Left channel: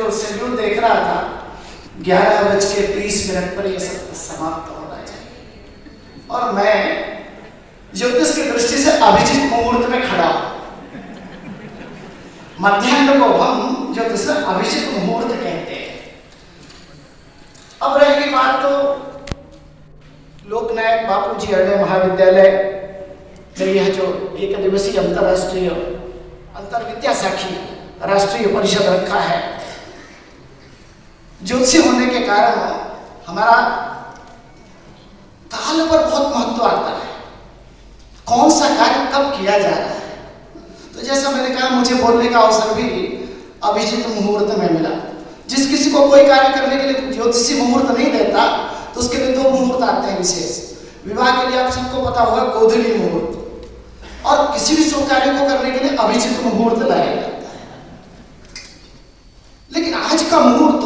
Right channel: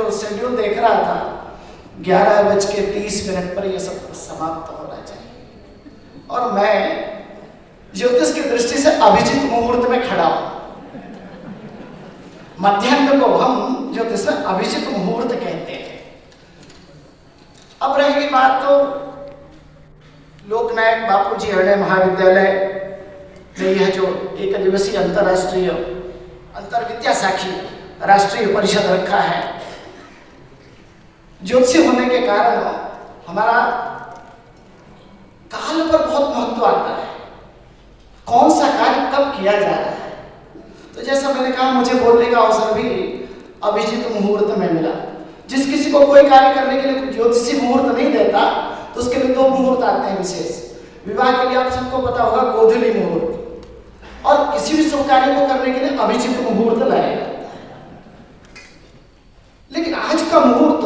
जो शेड्यूल देख रहा था 11:30 पर यह सब समाप्त होना चाहिए, और मैं ज्योतिष की दृष्टि से अभिजीत मुहूर्त में खड़ा हूं। मध्याह्न को हम ज्योतिष में अभिजीत मुहूर्त कहते हैं। अब रहेगी बात तो लोकनायक बापूजी हरणे महाविद्यालय में यह जो एक दिवसीय अंतर्राष्ट्रीय अंतर विद्यासाखी राष्ट्रीय परिषद रखा है, ज्योतिषी होने के कारण हमारा काल पर बहुत महत्व आता है, कौन सा कार्य कब किया जा रहा है। तो जैसा मैंने कहा, मुझे बोलने का अवसर भी अभिजीत मुहूर्त में मिला। जिस किसी को कोई कार्य करने के लिए ज्योतिषी मुहूर्त नहीं देता तो उसके लिए 2 मुहूर्त आते हैं विशेष। विवाह के लिए आप सबको पता होगा गोधूली मुहूर्त, और किसी भी शुभ कार्य को करने के लिए अभिजीत मुहूर्त लाया जाता है। लेकिन आज का मुहूर्त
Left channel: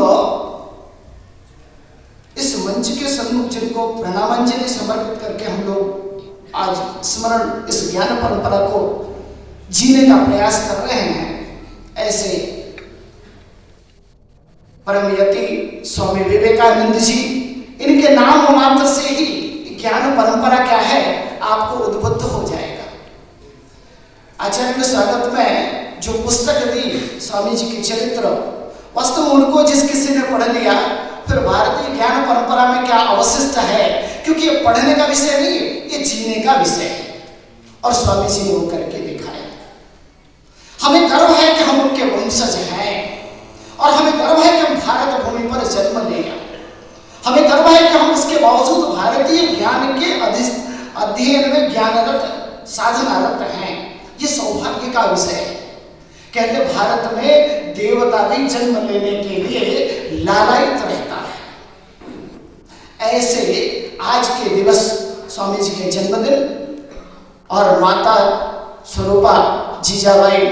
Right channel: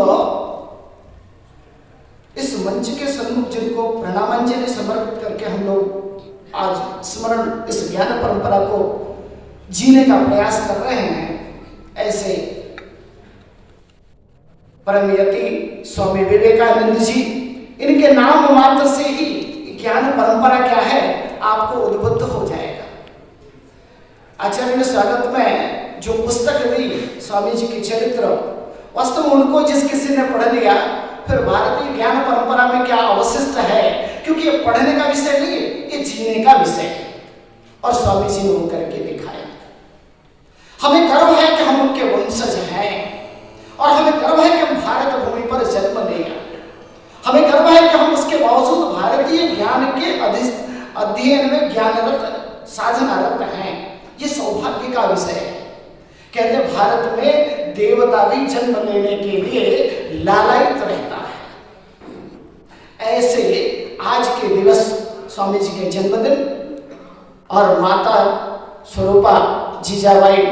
इस मंच के सन्मुख जिनको प्रणामांजलि समर्पित करके हम लोग आज स्मरण इस ज्ञान परंपरा को जीने का प्रयास कर रहे हैं, ऐसे परम यति स्वामी विवेकानंद जी, इनके नाम मात्र से ही ज्ञान परंपरा क्या है आपको उद्बुद्ध हो जाएगा। आचार्य ने स्वागत में जो पुस्तक दी स्वामी जी की चरित्र, वास्तव में उनको जिस किसी ने पढ़ लिया फिर भारतीय ज्ञान परंपरा में क्या अवशिष्ट है, क्योंकि ये पढ़ने का विषय नहीं, ये जीने का विषय है, और स्वामी जी ने वो करके दिखाया। हमें गर्व है कि हम उनके वंशज हैं, और हमें गर्व है कि हम भारत भूमि पर जन्म लिया। हमें गर्व है कि हम उसके बावजूद भारतीय ज्ञान के अध्ययन में ज्ञानरत साधनारत हैं। ये सौभाग्य का विषय है। कहते भारत में देवता भी जन्म लेने के लिए लालायित रहता है। ऐसे आज के दिवस स्वामी जी के जन्मदिन और माता स्वरूपा जीजाबाई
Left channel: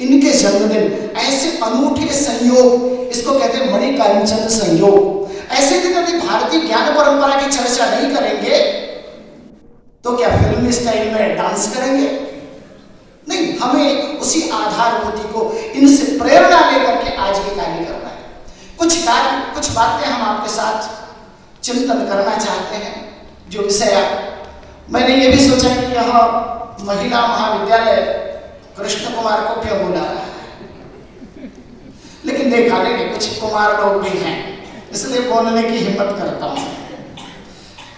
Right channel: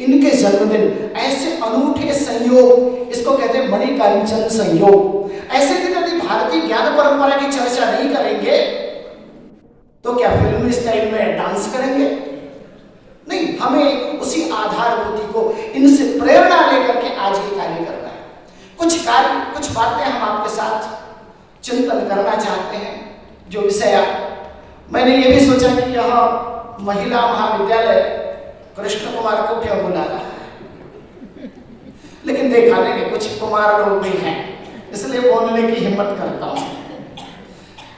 इनके जन्मदिन, ऐसे अनूठे संयोग, इसको कहते हैं मणिकांचन संयोग। ऐसे दिन यदि भारतीय ज्ञान परंपरा की चर्चा नहीं करेंगे तो क्या फिल्मी स्टाइल में डांस करेंगे? नहीं, हमें उसी आधारभूति को, इनसे प्रेरणा लेकर के आज के कार्य करना है। कुछ बातें हम आपके साथ चिंतन करना चाहते हैं। जो विषय मैंने ये भी सोचा कि यह महिला महाविद्यालय कृष्ण कुमार को क्यों बुला रहा है, लेकिन देखा नहीं, कुछ कुमार लोग भी हैं, इसलिए बोलने की हिम्मत करता हूं।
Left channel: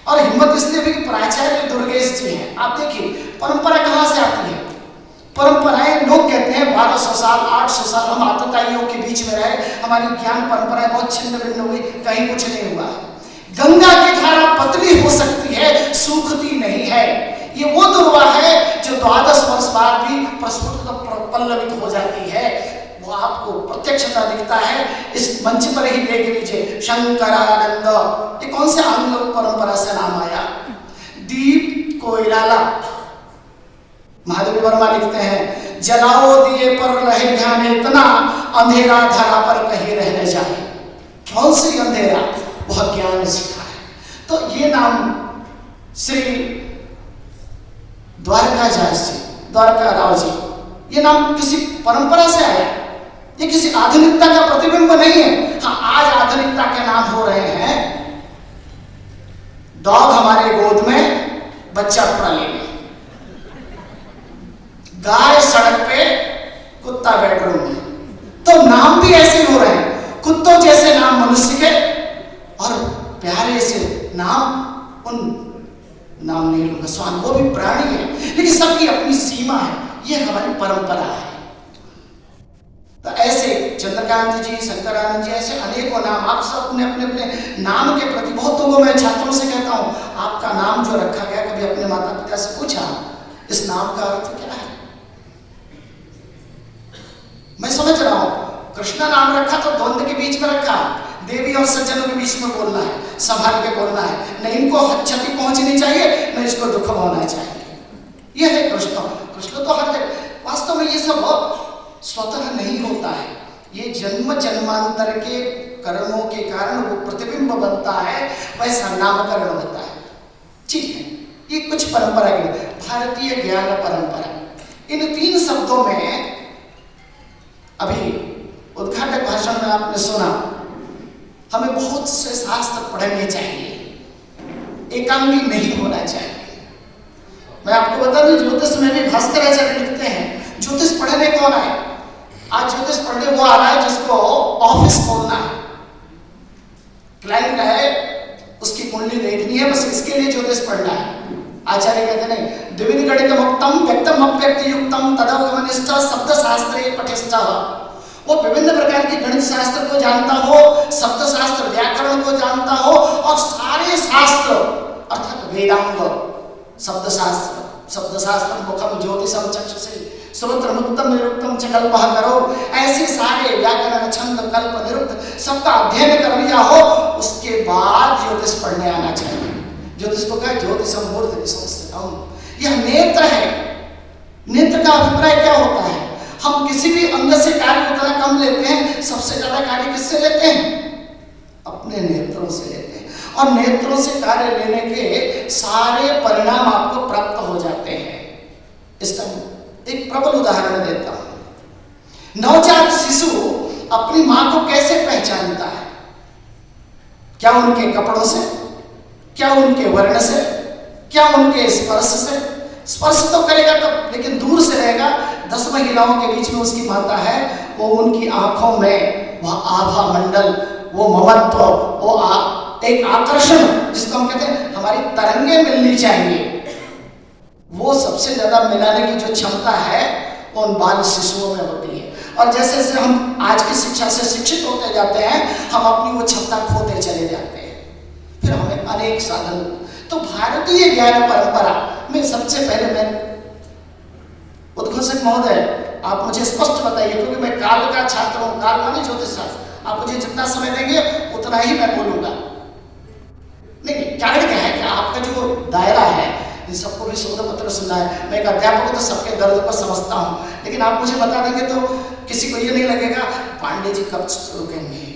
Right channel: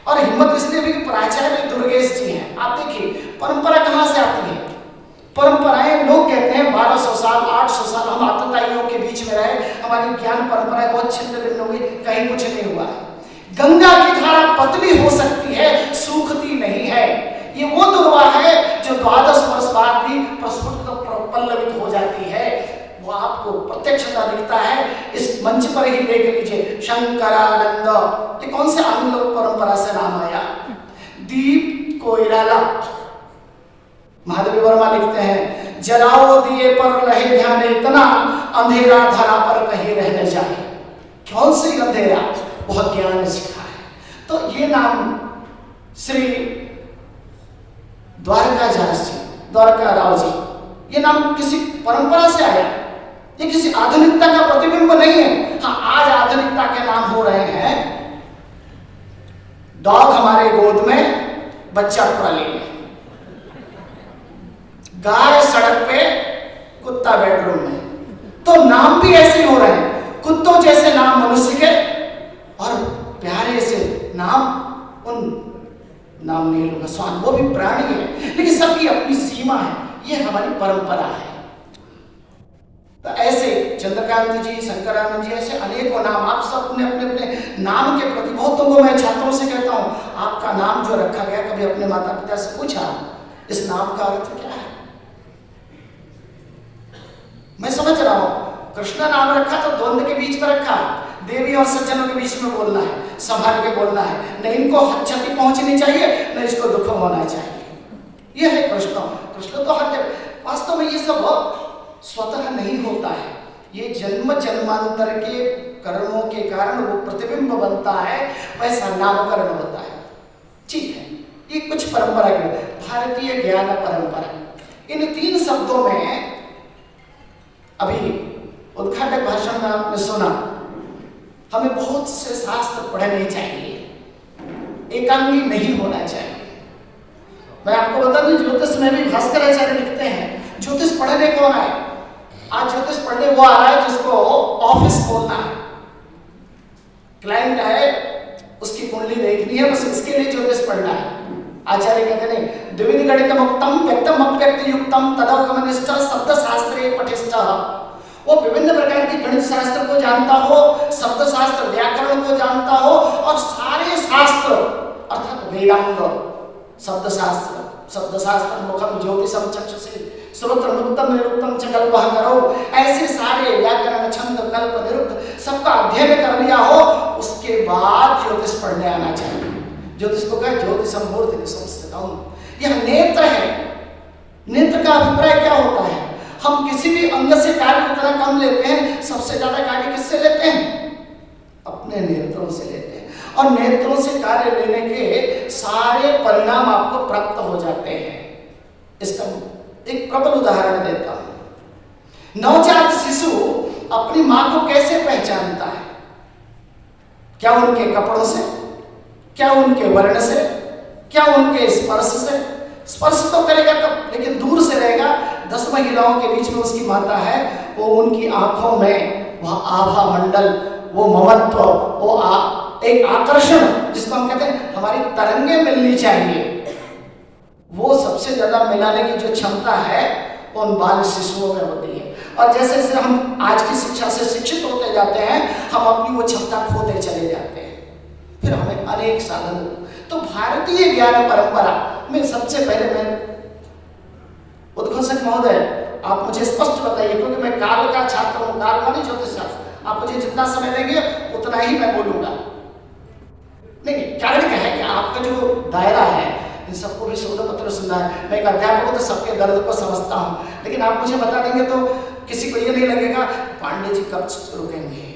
और हिम्मत इसलिए भी कि प्राचार्य दुर्गेश जी हैं। आप देखिए परंपरा कहां से आती है। परंपराएं, लोग कहते हैं 1200 साल 800 साल हम आतताइयों के बीच में रहे, हमारी ज्ञान परंपराएं बहुत छिन्न भिन्न हुई, कहीं कुछ नहीं हुआ है। गंगा की धारा पतली हो सकती है, सूखती नहीं है। ये वो दुर्वा है जो 12 वर्ष बाद भी प्रस्फुट पल्लवित हो जाती है, वो आपको प्रत्यक्षता दिखता है। इस मंच पर ही देख लीजिए, शंकरानंद, ये कौन से आंग्ल परंपरा से नाम आया? दीप कोइराला, महादेवी वर्मा लिखते हैं, जलाओ दिए पर रहे ध्यान इतना, अंधेरा धरा पर कहीं रह न जाए। कौन सी अंधेरा? वह ज्ञान सीखा है। तो ये नाम श्री द्वारका राव जी, ये नाम किसी परंपरा से आया, ये किसी आधुनिकता का प्रतिबिंब नहीं है। हाँ, आज आधुनिकता के नाम हो रहे हैं डॉग हमारे गोद में, बच्चा ट्रॉली में, गाय सड़क पे, कुत्ता बेडरूम में। तो नाम भी ऐसे हो रहे हैं, कुत्तों जैसे नाम मनुष्य के और प्यारे से नाम उन नाम नहीं लूंगा, स्वान वो भी प्राणी है, लेकिन सबकी अपनी सीमा है। ये हमारी परंपरा है। तो ऐसे चंद्रकांत जी, शंकरानंद जी, ऐसे अनेकों नाम, आप सब अपने अपने नाम के प्रति, बहुतों को मैं छात्रों से कहता हूं, आपका नाम जो रखा गया, कभी अपने माता पिता से पूछा इस नाम का अर्थ क्या है? मैं समझ रहा हूं कृष्णा नाम रखा तो द्वंद्व के बीच में रखा है, देवी और सज्जनों के बीच में बोलना है, संभाल के बोलना है, न इनको क्षति पहुंचनी चाहिए न इसको दुख होना चाहिए। यह है कृष्ण। कृष्ण तो हर जगह। वास्तव में ये सब स्वतः नहीं होता है, ये जन्म जन्मांतर के कर्मों के कारण वो प्रतिबिंब बनता है, वैसा नामकरण होता है। ठीक है, ये कुछ परंपरा की भारतीय ज्ञान परंपरा। इन 3 शब्दों में अभी उद्घाटक भाषण में आपने सुना, हमें बहुत से शास्त्र पढ़ने चाहिए, एकांगी नहीं होना चाहिए। मैं आपको बता दूं, ज्योतिष में भी भास्कर आचार्य लिखते हैं, ज्योतिष पढ़ने कौन आए? आज ज्योतिष पढ़ने वो आ रहा है जिसको ऑफिस खोलना है, क्लाइंट है, उसकी कुंडली देखनी है, बस इसके लिए ज्योतिष पढ़ना है। आचार्य कहते नहीं, द्विविध गणितम उक्तम व्यक्तम अव्यक्त युक्तम तदवगमनिष्ठ शब्द शास्त्रे पठिष्ठ। वो विभिन्न प्रकार की गणित शास्त्र को जानता हो, शब्द शास्त्र व्याकरण को जानता हो, और सारे शास्त्र अर्थात वेदांग, शब्द शास्त्र मुखम ज्योतिषम चक्षुषे श्रोत्र मुक्तम निरुक्तम च कल्पः करो, ऐसे सारे व्याकरण छंद कल्प निरुक्त सबका अध्ययन कर लिया हो, उसके बाद ज्योतिष पढ़ने आना चाहिए। ज्योतिष को कहे ज्योतिषम मूर्धनि संस्थितम, यह नेत्र है। नेत्र का अभिप्राय क्या होता है? हम किसी भी अंग से कार्य उतना कम लेते हैं, सबसे ज्यादा कार्य किससे लेते हैं? अपने नेत्रों से लेते हैं, और नेत्रों से कार्य लेने के सारे परिणाम आपको प्राप्त हो जाते हैं। इसका एक प्रबल उदाहरण देता हूं। नवजात शिशु अपनी मां को कैसे पहचानता है? क्या उनके कपड़ों से, क्या उनके वर्ण से, क्या उनके स्पर्श से? स्पर्श तो करेगा तब, लेकिन दूर से रहेगा। 10 महिलाओं के बीच में उसकी माता है, वो उनकी आंखों में वह आभा मंडल, वो ममत्व, वो एक आकर्षण, जिसको हम कहते हैं हमारी तरंगे मिलनी चाहिए, वो सबसे ज्यादा मिलाने की जो क्षमता है वो उन बाल शिशुओं में होती है। और जैसे जैसे हम आज की शिक्षा से शिक्षित होते जाते हैं, हम अपनी वो क्षमता खोते चले जाते हैं, फिर हमें अनेक साधन। तो भारतीय ज्ञान परंपरा में सबसे पहले मैं, उद्घोषक महोदय, आप मुझे स्पष्ट बताइए, क्योंकि मैं काल का छात्र हूं, काल माने ज्योतिष शास्त्र, आप मुझे जितना समय देंगे उतना ही मैं बोलूंगा। नहीं, कारण क्या है कि आपका जो दायरा है, इन सबको भी शोध पत्र सुनना है। मैं एक अध्यापक हूं तो सबके दर्द को समझता हूं, लेकिन आप मुझे बता देंगे तो किसी को ये नहीं लगेगा पांडे जी कब रुकेंगे,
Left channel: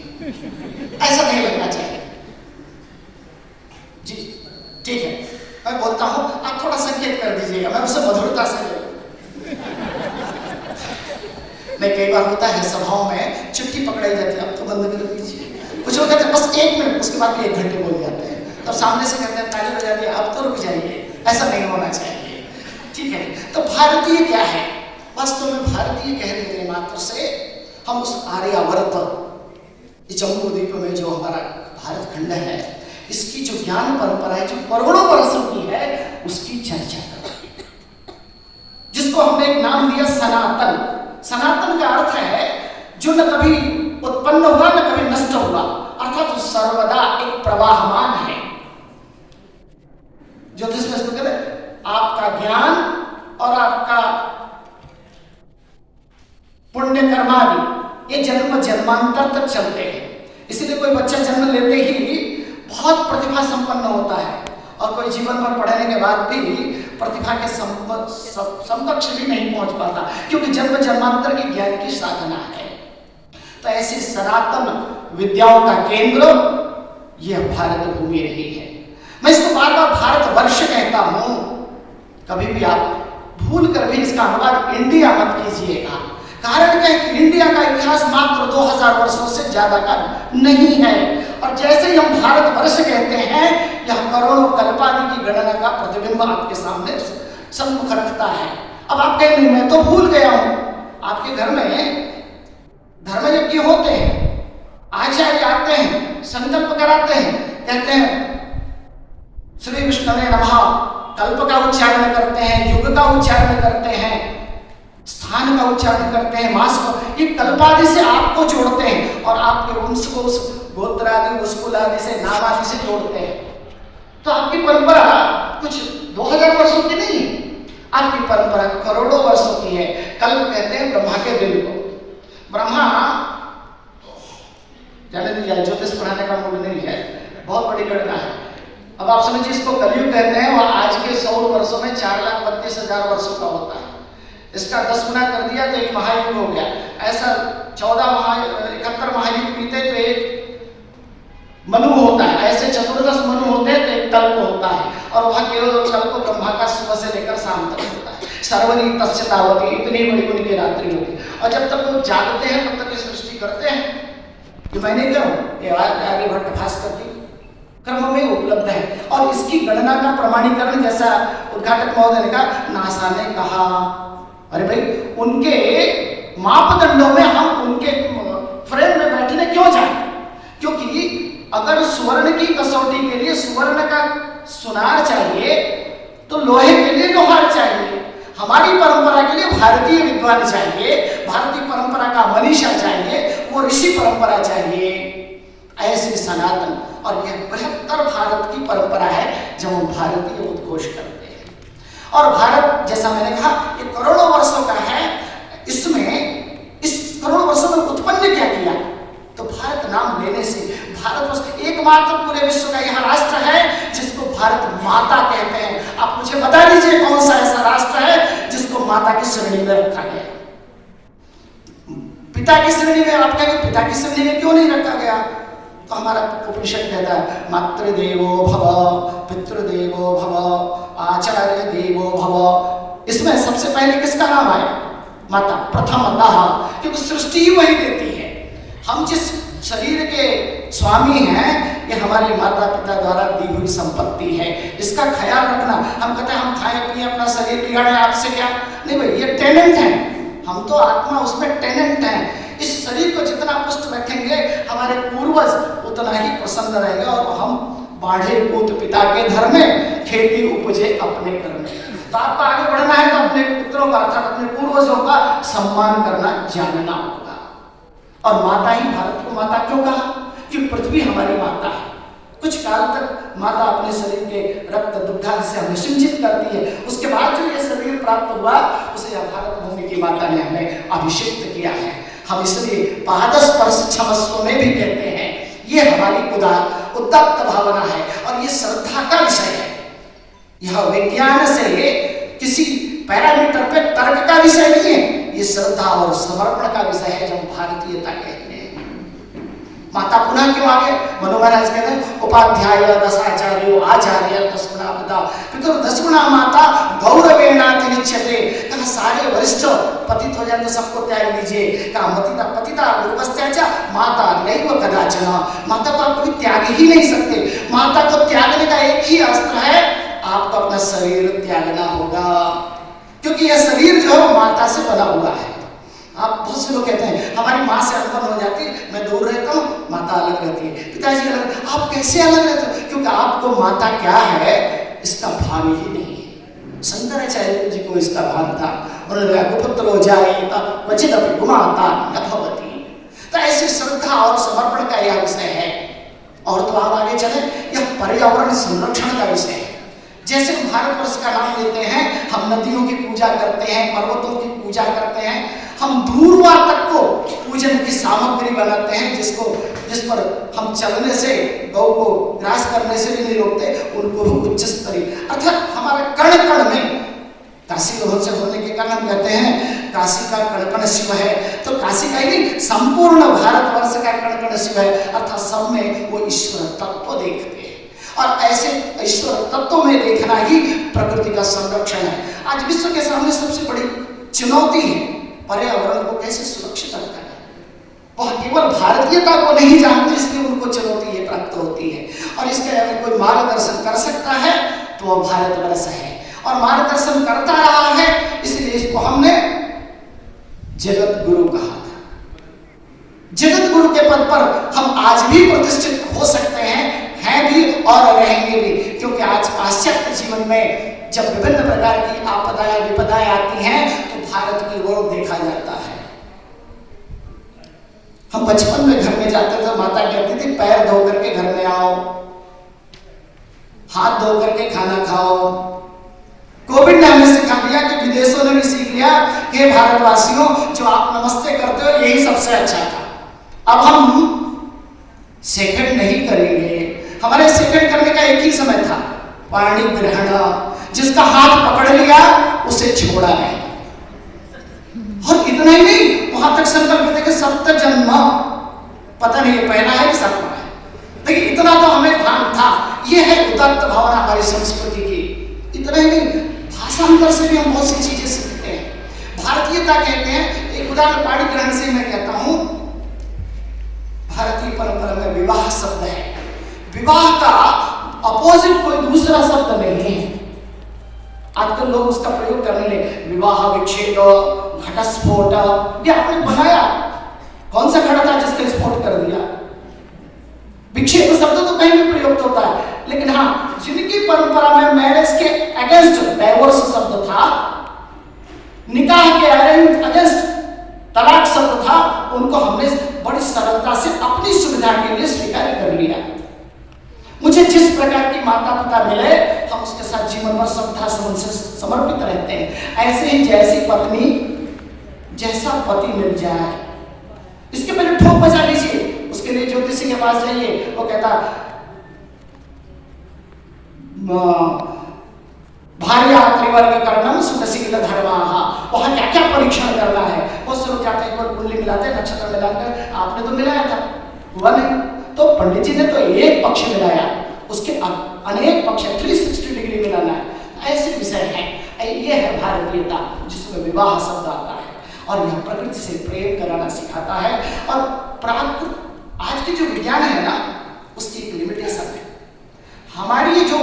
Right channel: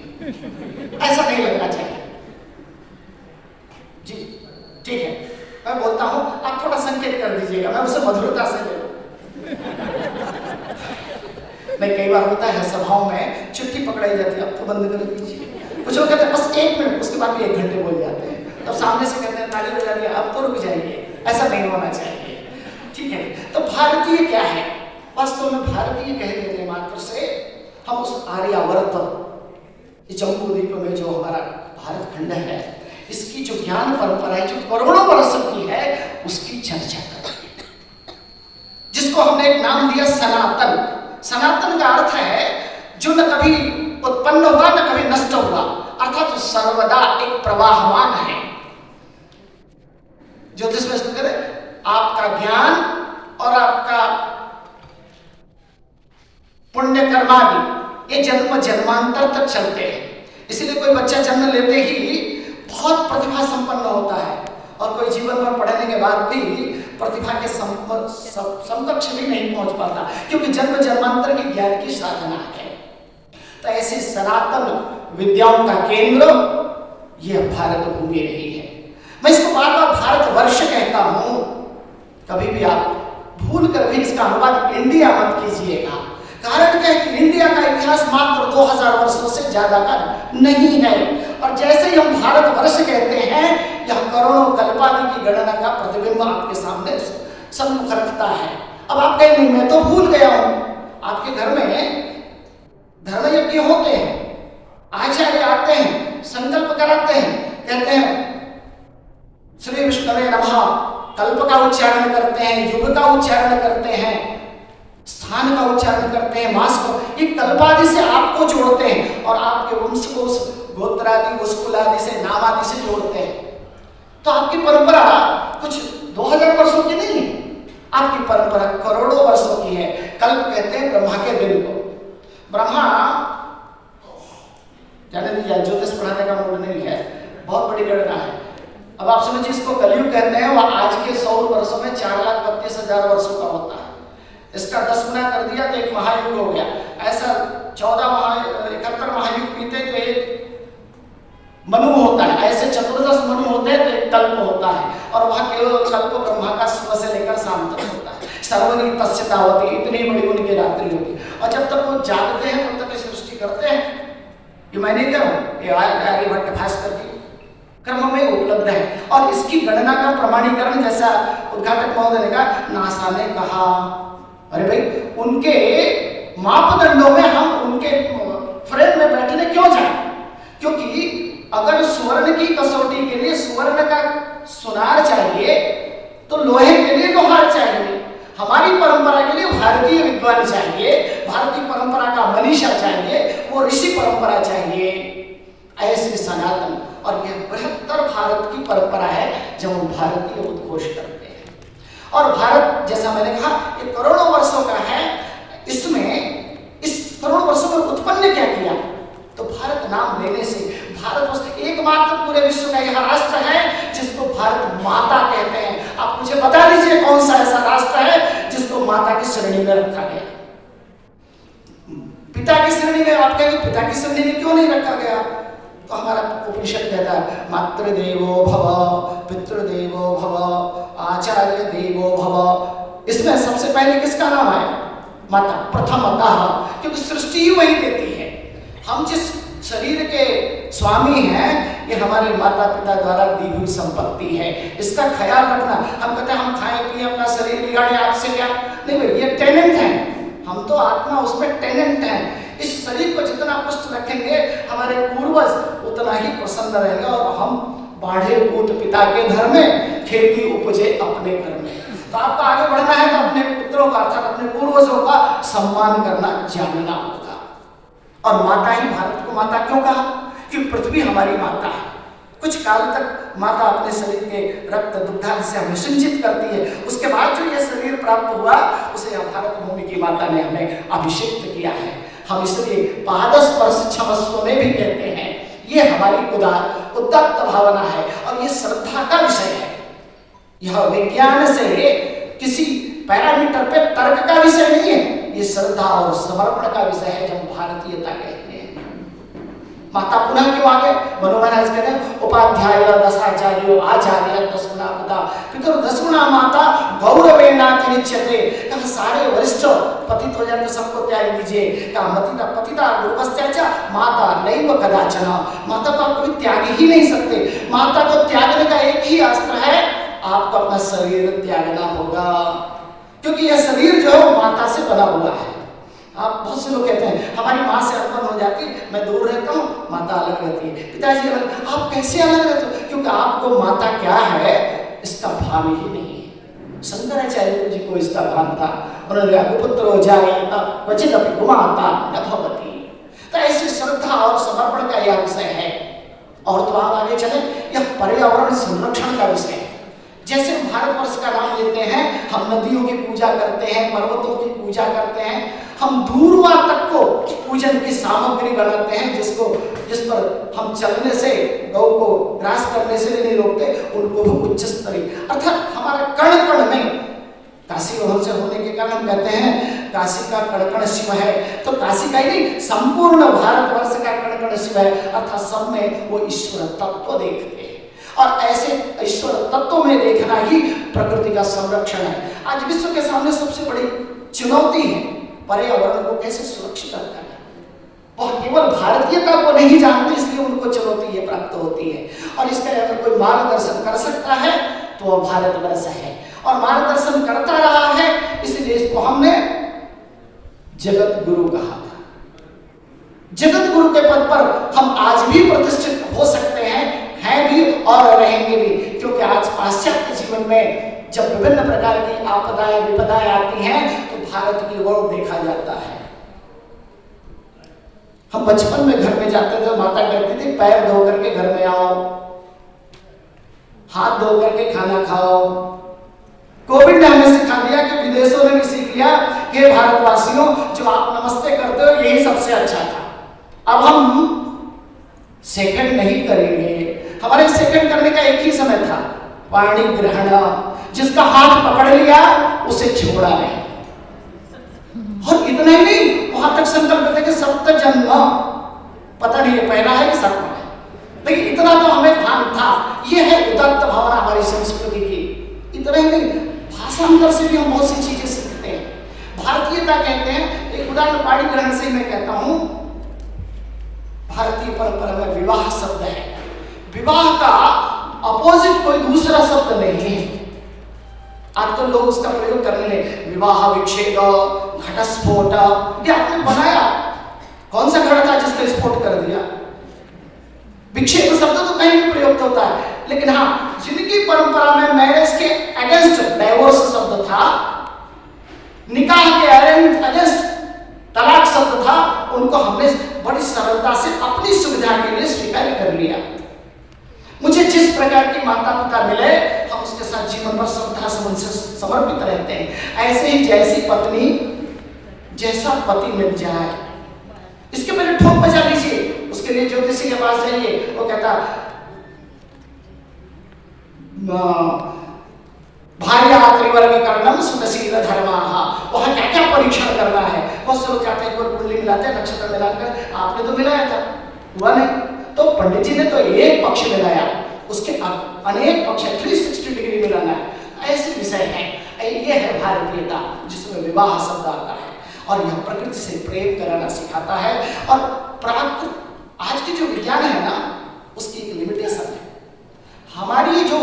ऐसा नहीं लगना चाहिए। जी ठीक है, मैं बोलता हूं, आप थोड़ा संकेत कर दीजिएगा, मैं उसे मधुरता से ले लूं। नहीं, कई बार होता है सभाओं में चिट्ठी पकड़ाई जाती है, अब तो बंद कर दीजिए। कुछ लोग कहते हैं बस 1 मिनट, उसके बाद भी 1 घंटे बोल जाते हैं, तब सामने से कहते हैं ताली बजा दिया, अब तो रुक जाइए। ऐसा नहीं होना चाहिए, ठीक है। तो भारतीय क्या है? वास्तव में भारतीय कह देने मात्र से हम उस आर्यावर्त, जम्बू द्वीप में जो हमारा भारत खंड है, इसकी जो ज्ञान परंपरा है, जो करोड़ों वर्षों की है, उसकी चर्चा करें, जिसको हमने एक नाम दिया सनातन। सनातन का अर्थ है जो न कभी उत्पन्न हुआ न कभी नष्ट हुआ, अर्थात सर्वदा एक प्रवाहमान है। ज्योतिष में कहते हैं आपका ज्ञान और आपका पुण्य कर्मादि ये जन्म जन्मांतर तक चलते हैं। इसीलिए कोई बच्चा जन्म लेते ही बहुत प्रतिभा संपन्न होता है, और कोई जीवन भर पढ़ने के बाद भी प्रतिभा के समकक्ष भी नहीं पहुंच पाता, क्योंकि जन्म जन्मांतर की ज्ञान की साधना है। तो ऐसे सनातन विद्याओं का केंद्र यह भारत भूमि रही है। मैं इसको बार बार भारतवर्ष कहता हूं, कभी भी आप भूल कर भी इसका अनुवाद इंडिया मत कीजिएगा। कारण क्या है कि इंडिया का इतिहास मात्र 2000 वर्षों से ज्यादा का नहीं है, और जैसे ही हम भारतवर्ष कहते हैं, यह करोड़ों कल्पादि की गणना का प्रतिबिंब आपके सामने सम्मुख रखता है। अब आप कहें नहीं, मैं तो भूल गया हूं। आपके घर में धर्म यज्ञ होते हैं, आचार्य आते हैं, संकल्प कराते हैं, कहते हैं श्री विष्णवे नमः, कल्प का उच्चारण करते हैं, युग का उच्चारण करते हैं, स्थान का उच्चारण करते हैं, मास का, ये कल्पादि से आपको जोड़ते हैं, और आपके वंश को उस गोत्रादि उसकुलादि से नाम आदि से जोड़ते हैं। तो आपकी परंपरा कुछ 2000 वर्षों की नहीं, आपकी परंपरा करोड़ों वर्षों की है। कल्प कहते हैं ब्रह्मा के दिल को। ब्रह्मा जाने दीजिए, ज्योतिष पढ़ाने का मूड नहीं है, बहुत बड़ी घटना है। अब आप समझिए, इसको कलयुग कहते हैं, और आज के 100 वर्षों में 4,32,000 वर्षों का होता है। इसका 10 गुना कर दिया तो एक महायुग हो गया। ऐसा 71 महायुग बीते तो एक मनु होता है, ऐसे 14 मनु होते हैं तो एक कल्प होता है, और वह केवल कल्प ब्रह्मा का सुबह से लेकर शाम तक होता है। सर्वनी तस्य तावती, इतनी बड़ी उनकी रात्रि होती है, और जब तक वो जागते हैं तब तक सृष्टि करते ये मैंने क्या ये आर्यभट्ट भास्कर जी कर्म में उपलब्ध है। और इसकी गणना का प्रमाणीकरण जैसा उद्घाटक महोदय ने कहा, नासा ने कहा। अरे भाई, उनके मापदंडों में हम उनके फ्रेम में बैठने क्यों जाए? क्योंकि अगर स्वर्ण की कसौटी के लिए स्वर्ण का सुनार चाहिए तो लोहे के लिए लोहार चाहिए। हमारी परंपरा के लिए भारतीय विद्वान चाहिए, भारतीय परंपरा का मनीषा चाहिए, वो ऋषि परंपरा चाहिए। ऐसे सनातन और यह बृहत्तर भारत की परंपरा है जब हम भारतीय उद्घोष करते हैं। और भारत, जैसा मैंने कहा, ये करोड़ों वर्षों का है। इसमें इस करोड़ों वर्षों में उत्पन्न क्या किया? तो भारत नाम लेने से भारत एकमात्र पूरे विश्व का यह राष्ट्र है जिसको भारत माता कहते हैं। आप मुझे बता दीजिए कौन सा ऐसा राष्ट्र है जिसको माता की श्रेणी में रखा गया? पिता की श्रेणी में। आप कहेंगे पिता की श्रेणी में क्यों नहीं रखा गया? तो हमारा उपनिषद कहता है, मातृदेवो भव, पितृदेवो भव, आचार्य देवो भव। इसमें सबसे पहले किसका नाम आया? माता, प्रथमतः, क्योंकि सृष्टि ही वही देती है। हम जिस शरीर के स्वामी हैं, ये हमारे माता पिता द्वारा दी हुई संपत्ति है। इसका ख्याल रखना। हम कहते हैं हम खाए पिए अपना शरीर बिगाड़े, आपसे क्या? नहीं भाई, ये टेनेंट है। हम तो आत्मा उसमें टेनेंट है। इस शरीर को जितना पुष्ट रखेंगे हमारे पूर्वज उतना ही प्रसन्न रहेंगे। और हम बाढ़े पूत पिता के धर्म में, खेती उपजे अपने घर में। तो आपको आगे बढ़ना है तो अपने पुत्रों का अर्थात अपने पूर्वजों का सम्मान करना जानना होगा। और माता ही भारत को माता क्यों कहा? कि पृथ्वी हमारी माता है। कुछ काल तक माता अपने शरीर के रक्त दुग्धा से हमें सिंचित करती है। उसके बाद जो ये शरीर प्राप्त हुआ उसे भारत भूमि की माता ने हमें अभिषेक किया है। हम इसलिए पादस्पर्श क्षमस्व में भी कहते हैं। ये हमारी उदात्त भावना है और ये श्रद्धा का विषय है। यह विज्ञान से किसी पैरामीटर पे तर्क का विषय नहीं है, ये श्रद्धा और समर्पण का विषय है। जब भारतीयता कहते हैं माता पुनः क्यों आगे? मनु महाराज कहते हैं, उपाध्याय दशाचार्यो आचार्य दसगुणा पिता पितुर्दसगुणा माता गौरवेणातिरिच्यते। कहा सारे वरिष्ठ पतित हो जाए तो सबको त्याग लीजिए। कहा मतिता पतिता गुरुपस्त्याच माता नैव कदाचन। माता को आप कभी त्याग ही नहीं सकते। माता को त्यागने का एक ही अस्त्र है, आपको अपना शरीर त्यागना होगा। क्योंकि यह शरीर जो है माता से बना हुआ है। आप बहुत से लोग कहते हैं हमारी माँ से अनबन हो जाती, मैं दूर रहता हूँ, माता अलग रहती है, पिताजी अलग। आप कैसे अलग रहते हो? क्योंकि आपको माता क्या है इसका भान ही नहीं है। शंकराचार्य जी को इसका भान था। उन्होंने कहा पुत्रो जायेत क्वचित् गुमाता न भवति। तो ऐसी श्रद्धा और समर्पण का यह विषय है। और तो आप आगे चले, यह पर्यावरण संरक्षण का विषय है। जैसे हम भारतवर्ष का नाम लेते हैं, हम नदियों की पूजा करते हैं, पर्वतों की पूजा करते हैं, हम दूरवा तक को पूजन की सामग्री बनाते हैं, जिस पर हम चलने से, गौ को ग्रास करने से भी नहीं रोकते, उनको भी उच्च स्तरीय अर्थात हमारे कण कण में काशी से होने के कारण हम कहते हैं काशी का कण कण शिव है। तो काशी का ही नहीं, संपूर्ण भारतवर्ष का कण कण शिव है। अर्थात सब में वो ईश्वर तत्व देखते हैं। और ऐसे ईश्वर तत्व में देखना ही प्रकृति का संरक्षण है। आज विश्व के सामने सबसे बड़ी चुनौती है पर्यावरण को कैसे सुरक्षित रखा जाए। वह केवल भारतीयता को नहीं जानते, इसलिए उनको चुनौती ये प्राप्त होती है। और इसका अगर कोई मार्गदर्शन कर सकता है तो वह भारतवर्ष है, और मार्गदर्शन करता रहा है, इसलिए इसको हमने जगत गुरु कहा था। जगत गुरु के पद पर हम आज भी प्रतिष्ठित हो सकते हैं भी और रहेंगे भी। क्योंकि आज पाश्चात्य जीवन में जब विभिन्न प्रकार की आपदाएं विपदाएं आती हैं तो भारत की ओर देखा जाता है। हम बचपन में घर में जाते थे, माता कहती थी पैर धो करके घर में आओ, हाथ धो करके खाना खाओ। कोविड ने हमें सिखा दिया कि विदेशों ने भी सीख लिया कि भारतवासियों जो आप नमस्ते करते हो यही सबसे अच्छा था। अब हम सेकंड नहीं करेंगे। हमारे सेकंड करने का एक ही समय था, पाणी ग्रहण। जिसका हाथ पकड़ लिया उसे छोड़ा नहीं। और इतना ही नहीं, वहां तक संकल्प थे कि सप्त जन्म, पता नहीं ये पहला है कि सातवां है, लेकिन इतना तो हमें भान था। ये है उदात्त भावना हमारी संस्कृति की। इतना ही नहीं, भाषांतर से भी हम बहुत सी चीजें सीखते हैं। भारतीयता कहते हैं, एक उदाहरण पाणी ग्रहण से मैं कहता हूं, भारतीय विवाह शब्द है। विवाह का अपोजिट कोई दूसरा शब्द नहीं है। आज तो लोग उसका प्रयोग करने लगे, विवाह विच्छेद, घटस्फोट, ये आपने बनाया। कौन सा घड़ा था जिसका स्फोट कर दिया? विक्षेप शब्द तो कहीं भी प्रयुक्त होता है, लेकिन हाँ, जिनकी परंपरा में मैरिज के अगेंस्ट डाइवोर्स शब्द था, निकाह के अगेंस्ट तलाक शब्द था, उनको हमने बड़ी सरलता से अपनी सुविधा के लिए स्वीकार कर लिया। मुझे जिस प्रकार की माता पिता मिले, हम उसके साथ जीवन भर श्रद्धा से समर्पित रहते हैं। ऐसे ही जैसी पत्नी, जैसा पति मिल जाए, इसके पहले ठोक बजा लीजिए। उसके लिए ज्योतिषी के पास जाइए, वो कहता भार्या त्रिवर्ग कर्णम सुतशील धर्माः, वहां क्या क्या परीक्षण करना है। बहुत से लोग कहते हैं एक बार कुंडली मिलाते हैं, नक्षत्र मिलाकर, आपने तो मिलाया था, हुआ नहीं। तो पंडित जी ने तो एक पक्ष मिलाया, उसके अनेक पक्ष 360 डिग्री मिलाना है। ऐसे विषय है, ये है भारतीयता जिसमें विवाह शब्द आता है, और यह प्रकृति से प्रेम कराना सिखाता है। और प्राकृतिक आज की जो विज्ञान है ना, उसकी एक लिमिटेशन है। हमारी जो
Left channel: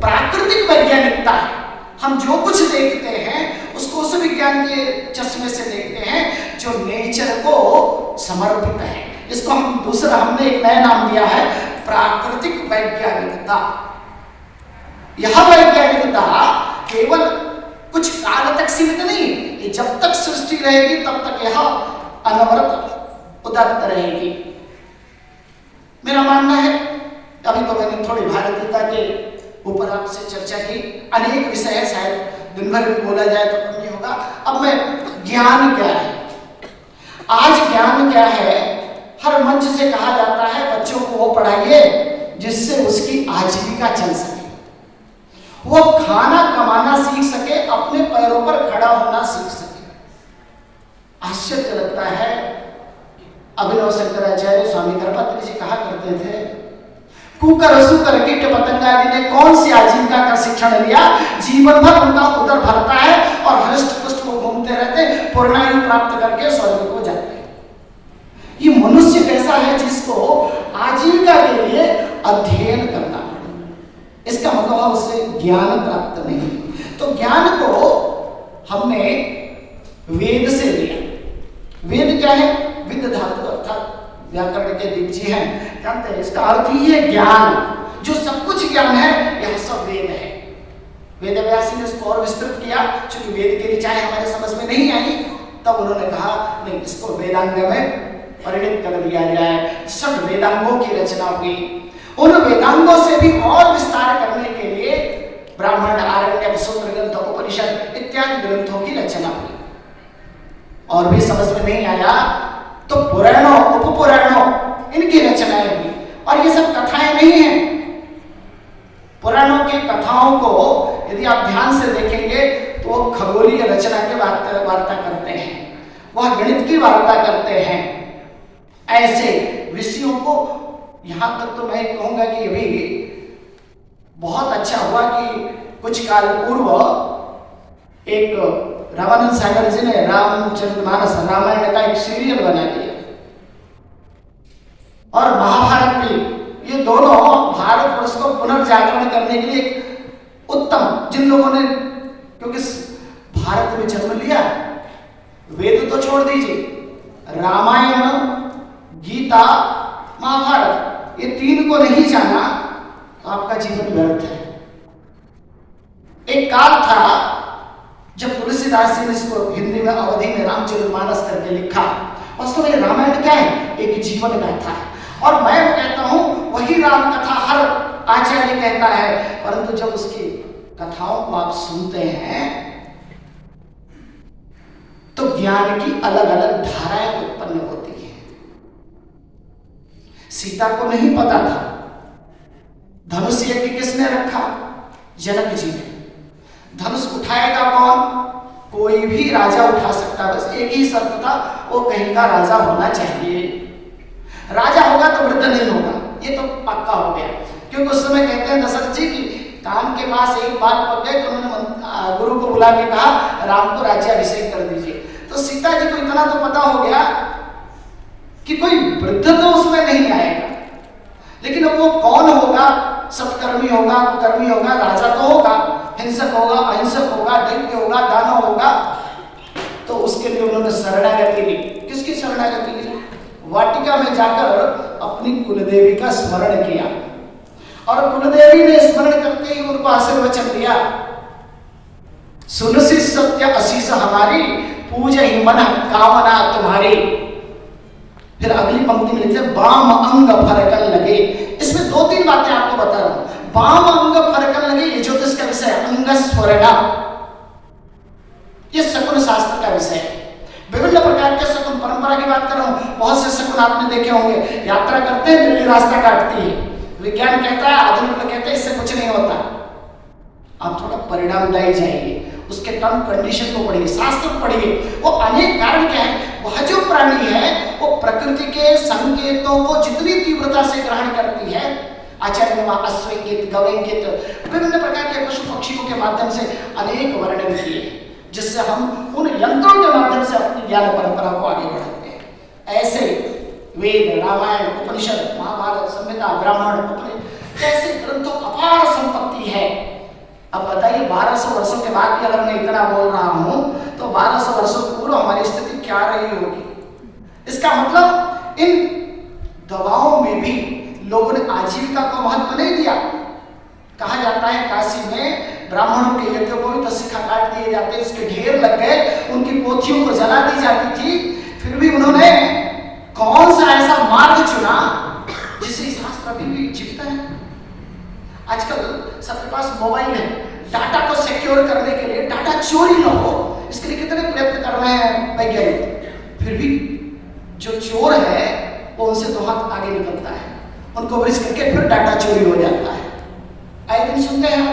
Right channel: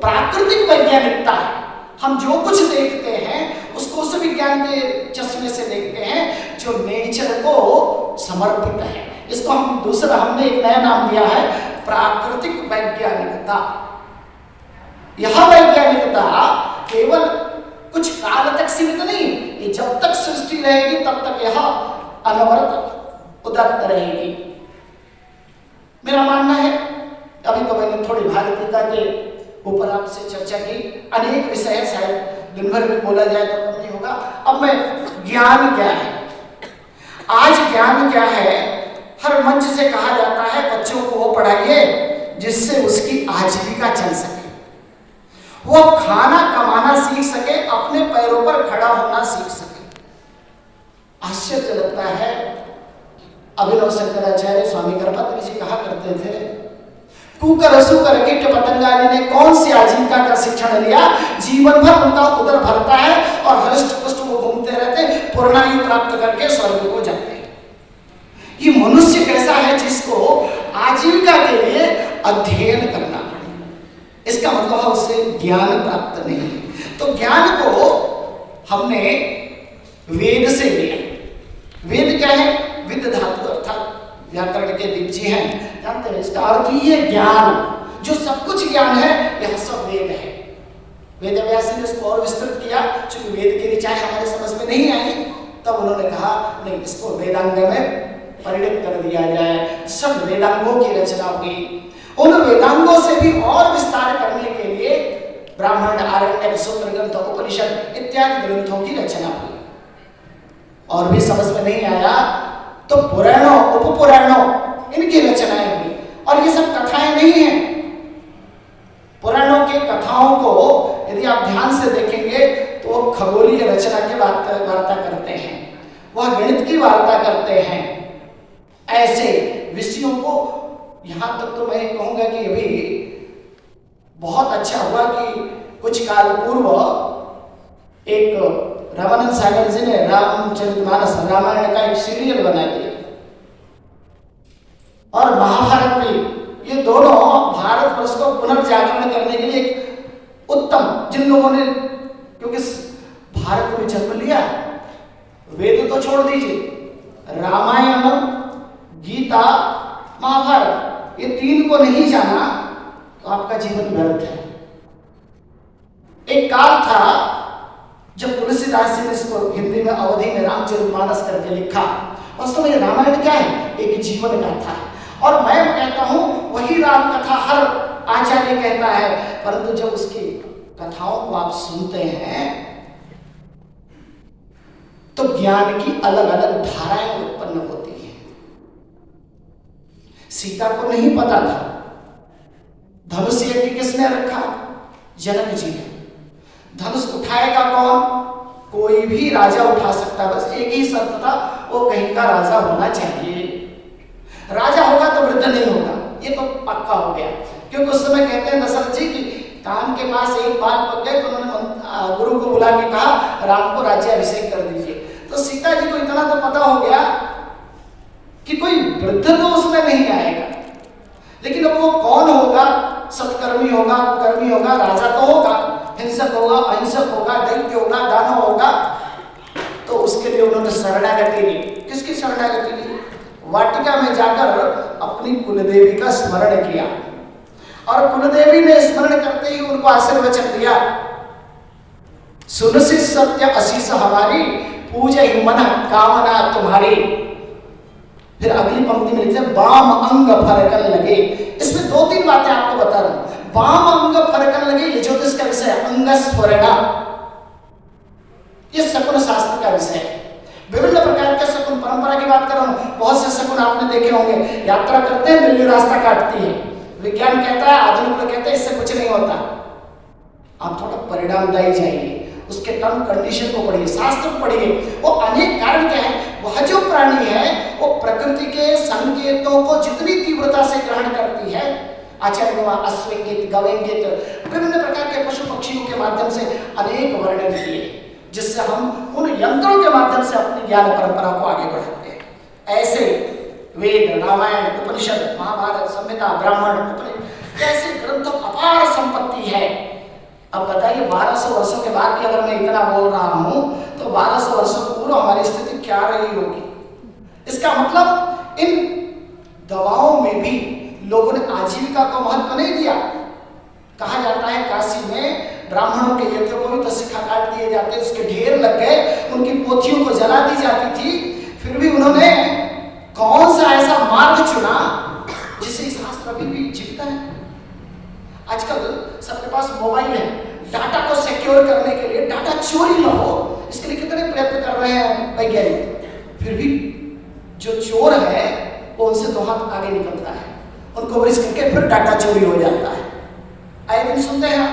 प्राकृतिक वैज्ञानिकता है, हम जो कुछ देखते हैं उसको उस विज्ञान के चश्मे से देखते हैं जो नेचर को समर्पित है। इसको हमने एक नया नाम दिया है, प्राकृतिक वैज्ञानिकता। यह वैज्ञानिकता केवल कुछ काल तक सीमित नहीं, ये जब तक सृष्टि रहेगी तब तक यह अनवरत उदारता रहेगी। मेरा मानना है, अभी तो मैंने थोड़ी भारतीयता के ऊपर आपसे चर्चा की, अनेक विषय है, शायद दिन भर भी बोला जाए तो कम नहीं होगा। अब मैं ज्ञान क्या है, आज ज्ञान क्या है, हर मंच से कहा जाता है बच्चों को वो पढ़ाइए जिससे उसकी आजीविका चल सके, वो खाना कमाना सीख सके, अपने पैरों पर खड़ा होना सीख सके। आश्चर्य लगता है, अभिनव शंकराचार्य स्वामी गणपति जी कहा करते थे, कुकर सुकर कीट पतंगादि ने कौन सी आजीविका का शिक्षण लिया, जीवन भर उनका उदर भरता है और हृष्ट पुष्ट वो घूमते रहते, पूर्णायु प्राप्त करके स्वर्ग को जाते हैं। ये मनुष्य कैसा है जिसको आजीविका के लिए अध्ययन करना, इसका मतलब है उससे ज्ञान प्राप्त नहीं। तो ज्ञान को हमने वेद से लिया। वेद क्या है? विद धातु अर्थात व्याकरण के दिग्जी हैं, जानते हैं इसका अर्थ ही है ज्ञान। जो सब कुछ ज्ञान है यह सब वेद है। वेद व्यास ने इसको और विस्तृत किया, क्योंकि वेद की ऋचाएं हमारे समझ में नहीं आई, तब उन्होंने कहा नहीं, इसको वेदांग में परिणत कर दिया जाए। सब वेदांगों की रचना हुई। उन वेदांगों से भी और विस्तार करने के लिए ब्राह्मण, आरण्यक, सूत्र ग्रंथ, उपनिषद इत्यादि ग्रंथों की रचना हुई। और भी समझ में नहीं आया तो पुराणों, उपपुराणों, इनकी रचनाएं हुई। और ये सब कथाएं नहीं हैं। पुराणों के कथाओं को यदि आप ध्यान से देखेंगे तो खगोलीय रचना की वार्ता करते हैं, वह गणित की वार्ता करते हैं। ऐसे विषयों को, यहां तक तो मैं कहूंगा कि अभी बहुत अच्छा हुआ कि कुछ काल पूर्व एक रामानंद सागर जी ने रामचरितमानस, रामायण का एक सीरियल बना दिया, और महाभारत भी, ये दोनों भारतवर्ष को पुनर्जागरण करने के लिए एक उत्तम, जिन लोगों ने क्योंकि भारत में जन्म लिया, वेद तो छोड़ दीजिए, रामायण, गीता, महाभारत, ये तीन को नहीं जाना तो आपका जीवन व्यर्थ है। एक काल था जब तुलसीदास जी ने इसको हिंदी में, अवधि में रामचरितमानस करके लिखा। वास्तव में रामायण क्या है? एक जीवन गाथा है। और मैं कहता हूं वही राम कथा हर आचार्य कहता है, परंतु जब उसकी कथाओं को आप सुनते हैं तो ज्ञान की अलग अलग धाराएं उत्पन्न होती हैं। सीता को नहीं पता था धनुष यज्ञ किसने रखा? जनक जी ने। धनुष उठाएगा कौन? कोई भी राजा उठा सकता, बस एक ही शर्त था, वो कहीं का राजा होना चाहिए। राजा होगा तो वृद्ध नहीं होगा, ये तो पक्का हो गया। क्योंकि उस समय कहते हैं दशरथ जी की कान के पास एक बात पक गए तो उन्होंने गुरु को बुला के कहा राम को राज्याभिषेक कर दीजिए। तो सीता जी को इतना तो पता हो गया कि कोई वृद्ध तो उसमें नहीं आएगा, लेकिन अब वो कौन होगा, सत्कर्मी होगा, कुकर्मी होगा, राजा तो होगा, हिंसक होगा, अहिंसक होगा, दैत्य होगा, दानव होगा। तो उसके लिए उन्होंने शरणागति ली। किसकी शरणागति ली? वाटिका में जाकर अपनी कुलदेवी का स्मरण किया और कुलदेवी ने स्मरण करते ही उनको आशीर्वचन दिया, सुनसी सत्य असीस हमारी, पूजे ही मन कामना तुम्हारी। फिर अगली पंक्ति में लिखते बाम अंग फरकन लगे। इसमें दो तीन बातें आपको बता रहा हूं। बाम अंग फरकन लगे, ये ज्योतिष का विषय है। अंगस्फुरणा, ये शकुन शास्त्र का विषय है। विभिन्न प्रकार के शकुन, परंपरा की बात कर रहा हूं। बहुत से शकुन आपने देखे होंगे। यात्रा करते हैं, बिल्ली रास्ता काटती है, विज्ञान कहता है, आधुनिक लोग कहते हैं इससे कुछ नहीं होता। आप थोड़ा परिणामदायी जाइए, उसके टर्म कंडीशन को पढ़िए, शास्त्र को पढ़िए। वो अनेक कारण क्या है, वह जो प्राणी है वो प्रकृति के संकेतों को जितनी तीव्रता से ग्रहण करती है, आचार्य ने वहां अश्वइंगित, गवइंगित, विभिन्न प्रकार के पशु पक्षियों के माध्यम से अनेक वर्णन किए, जिससे हम उन यंत्रों के माध्यम से अपनी ज्ञान परंपरा को आगे बढ़ाते हैं। ऐसे वेद, रामायण, उपनिषद, महाभारत, संहिता, ब्राह्मण, उपनिषद, ऐसे ग्रंथों अपार संपत्ति है। अब बताइए 1200 वर्षों के बाद भी अगर मैं इतना बोल रहा हूं तो 1200 वर्षों पूर्व हमारी स्थिति क्या रही होगी? इसका मतलब इन दवाओं में भी लोगों ने आजीविका का महत्व नहीं दिया। कहा जाता है काशी में ब्राह्मणों के यज्ञ को भी तसिखा काट दिए जाते, उसके ढेर लग गए, उनकी पोथियों को जला दी जाती थी। फिर भी उन्होंने कौन सा ऐसा मार्ग चुना जिसे शास्त्र अभी भी जीवित है। आजकल सबके पास मोबाइल है, डाटा को सिक्योर करने के लिए, डाटा चोरी न हो इसके लिए कितने प्रयत्न कर रहे हैं वैज्ञानिक। फिर भी जो चोर है वो उनसे दो हाथ आगे निकलता है, उनको ब्रिज करके फिर डाटा चोरी हो जाता है। आए दिन सुनते हैं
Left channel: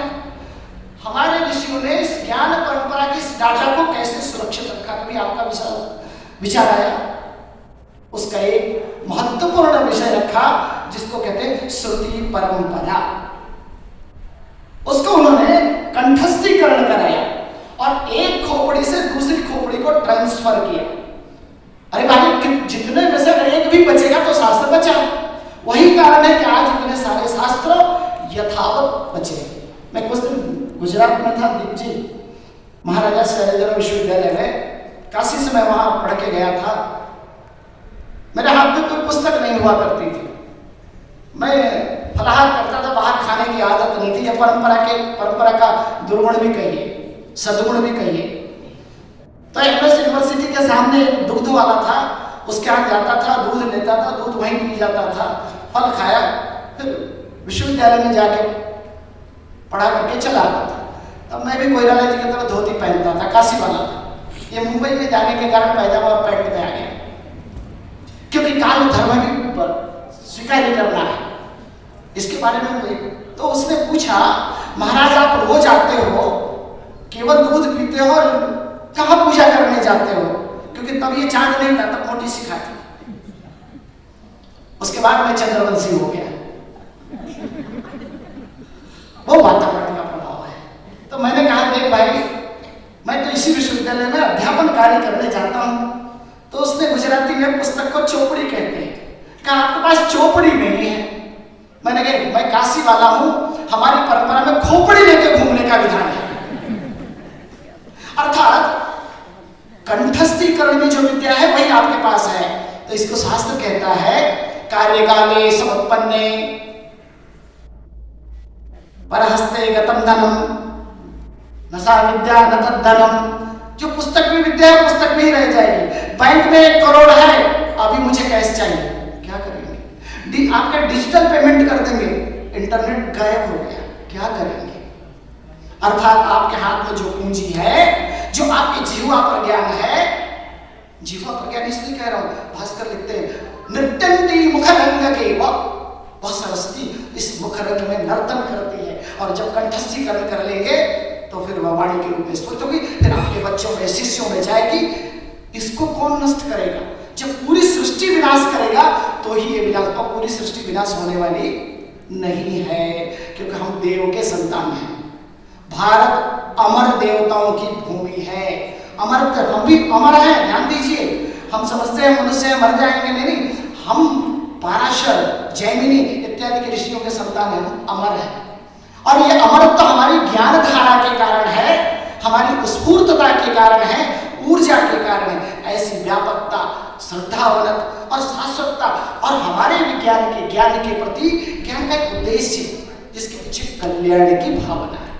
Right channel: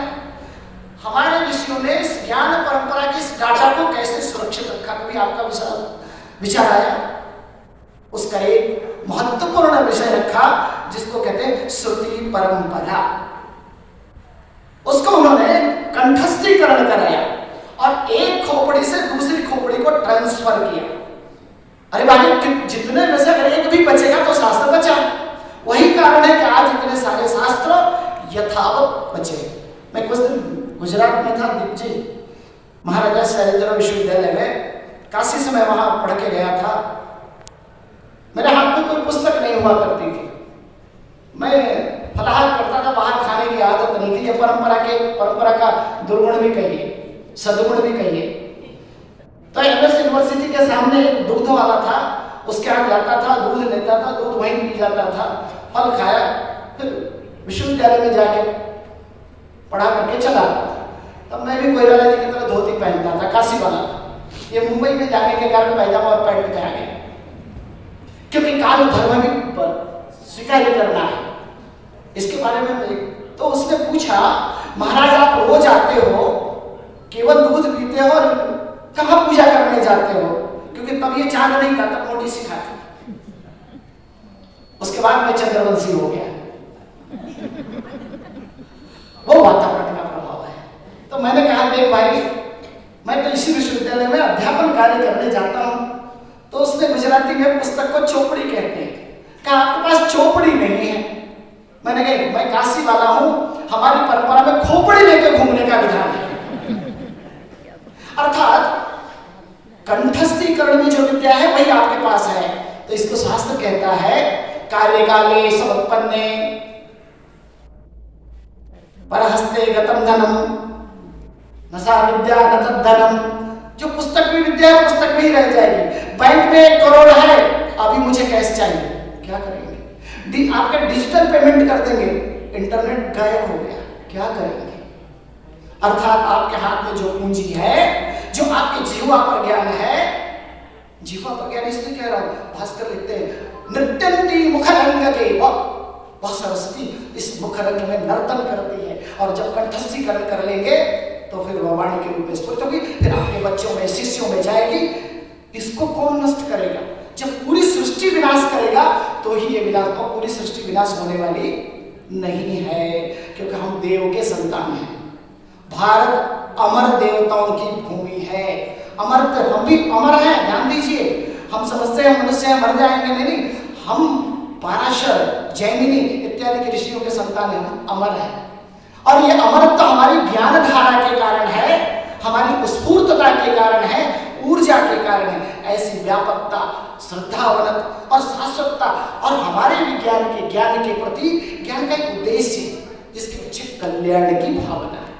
हमारे ऋषियों ने इस ज्ञान परंपरा की इस डाटा को कैसे सुरक्षित रखा। कभी आपका विचार आया? उसका एक महत्वपूर्ण विषय रखा जिसको कहते हैं श्रुति परंपरा। उसको उन्होंने कंठस्थीकरण कराया और एक खोपड़ी से दूसरी खोपड़ी को ट्रांसफर किया। अरे भाई, जितने में से अगर एक भी बचेगा तो शास्त्र बचा। वही कारण है कि आज इतने सारे शास्त्र यथावत बचे। मैं कुछ दिन गुजरात में था, दिग्जी महाराजा शैलेंद्र विश्वविद्यालय में, काशी से मैं वहां पढ़ के गया था। मेरे हाथ में कोई पुस्तक नहीं हुआ करती थी, मैं फलाहार करता था, बाहर खाने की आदत नहीं थी। यह परंपरा का दुर्गुण भी कहिए, सदगुण भी कहिए। तो एमएस यूनिवर्सिटी के सामने एक दुग्ध वाला था, उसके यहाँ जाता था, दूध लेता था, दूध वहीं पी जाता था, फल खाया, फिर विश्वविद्यालय में जाके पढ़ा करके चला आता था। तब मैं भी कोयराला जी की तरह धोती पहनता था, काशी वाला था। ये मुंबई में जाने के कारण पैजामा और पैंट में आ गया, क्योंकि काल धर्म भी स्वीकार ही करना है। इसके बारे में तो उसने पूछा, महाराज आप रोज आते हो, केवल दूध पीते हो और कहाँ पूजा करने जाते हो? क्योंकि तब ये चांद नहीं था, तब मोटी सिखा थी। उसके बाद मैं चंद्रवंशी हो गया। वो वातावरण का प्रभाव है। तो मैंने कहा देख भाई, मैं तो इसी विश्वविद्यालय में अध्यापन कार्य करने जाता हूं। तो उसने गुजराती में पुस्तक को चोपड़ी कहते हैं। कहा आपके पास चोपड़ी नहीं है? मैंने कहा मैं काशी वाला हूं, हमारी परंपरा में खोपड़ी लेके घूमने का विधान है। अर्थात कंठस्थीकरण में जो विद्या है वही आपके पास है। तो इसको शास्त्र कहता है कार्यकाले समुत्पन्ने परहस्ते गतम धनम न सा विद्या न तद्धनम। जो पुस्तक में विद्या है पुस्तक में ही रह जाएगी। बैंक में 1 करोड़ है, अभी मुझे कैश चाहिए, क्या करेंगे? आपका डिजिटल पेमेंट कर देंगे, इंटरनेट गायब हो गया, क्या करेंगे? अर्थात आपके हाथ में जो पूंजी है, जो आपके जीवा पर ज्ञान है, जीवा पर ज्ञान इसलिए कह रहा हूं, भास्कर लिखते हैं नृत्यंती मुखरंग के वह सरस्वती इस मुखरंग में नर्तन करती है। और जब कंठस्थीकरण कर लेंगे तो फिर वह वाणी के रूप में स्फुरित होगी, फिर आपके बच्चों में, शिष्यों में जाएगी। इसको कौन नष्ट करेगा? जब पूरी सृष्टि विनाश करेगा तो ही ये विनाश, और पूरी सृष्टि विनाश होने वाली नहीं है, क्योंकि हम देव के संतान हैं। भारत अमर देवताओं की भूमि है। अमर, हम भी अमर हैं, ध्यान दीजिए। हम समझते हैं मनुष्य मर जाएंगे, नहीं, हम पाराशर, जैमिनी, इत्यादि के ऋषियों के संतान हैं, हम अमर हैं। और ये अमरत्व हमारी ज्ञान धारा के कारण है, हमारी स्फूर्तता के कारण है, ऊर्जा के कारण है। ऐसी व्यापकता, श्रद्धावनत और शाश्वतता और हमारे विज्ञान के ज्ञान के प्रति ज्ञान का एक उद्देश्य जिसके पीछे कल्याण की भावना है,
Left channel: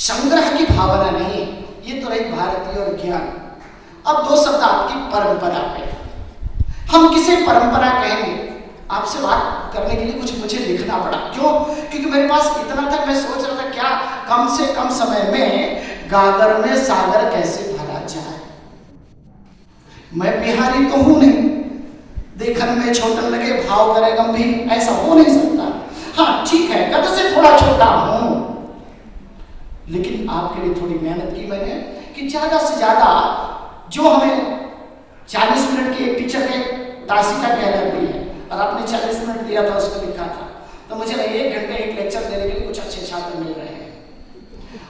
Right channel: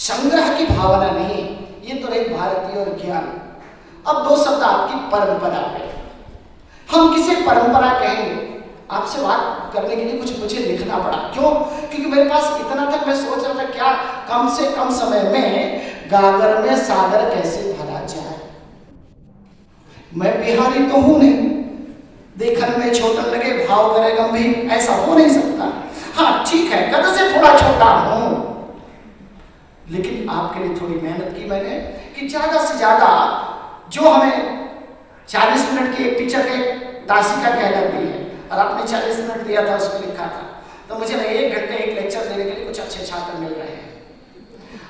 संग्रह की भावना नहीं। ये तो रही भारतीय और ज्ञान। अब दो शब्द आपकी परंपरा पे। हम किसे परंपरा कहेंगे? आपसे बात करने के लिए कुछ मुझे लिखना पड़ा। क्यों? क्योंकि मेरे पास इतना तक मैं सोच रहा था क्या कम से कम समय में गागर में सागर कैसे भरा जाए। मैं बिहारी तो हूं नहीं, देखने में छोटन लगे भाव करे गंभीर, ऐसा हो नहीं सकता। हाँ ठीक है, कद से थोड़ा छोटा हूं, लेकिन आपके लिए थोड़ी मेहनत की मैंने कि ज्यादा से ज्यादा जो हमें 40 मिनट की एक टीचर के दासिका कहलाती है और आपने 40 मिनट दिया था, उसमें लिखा था, तो मुझे लगा 1 घंटे एक लेक्चर देने के लिए कुछ अच्छे छात्र मिल रहे हैं।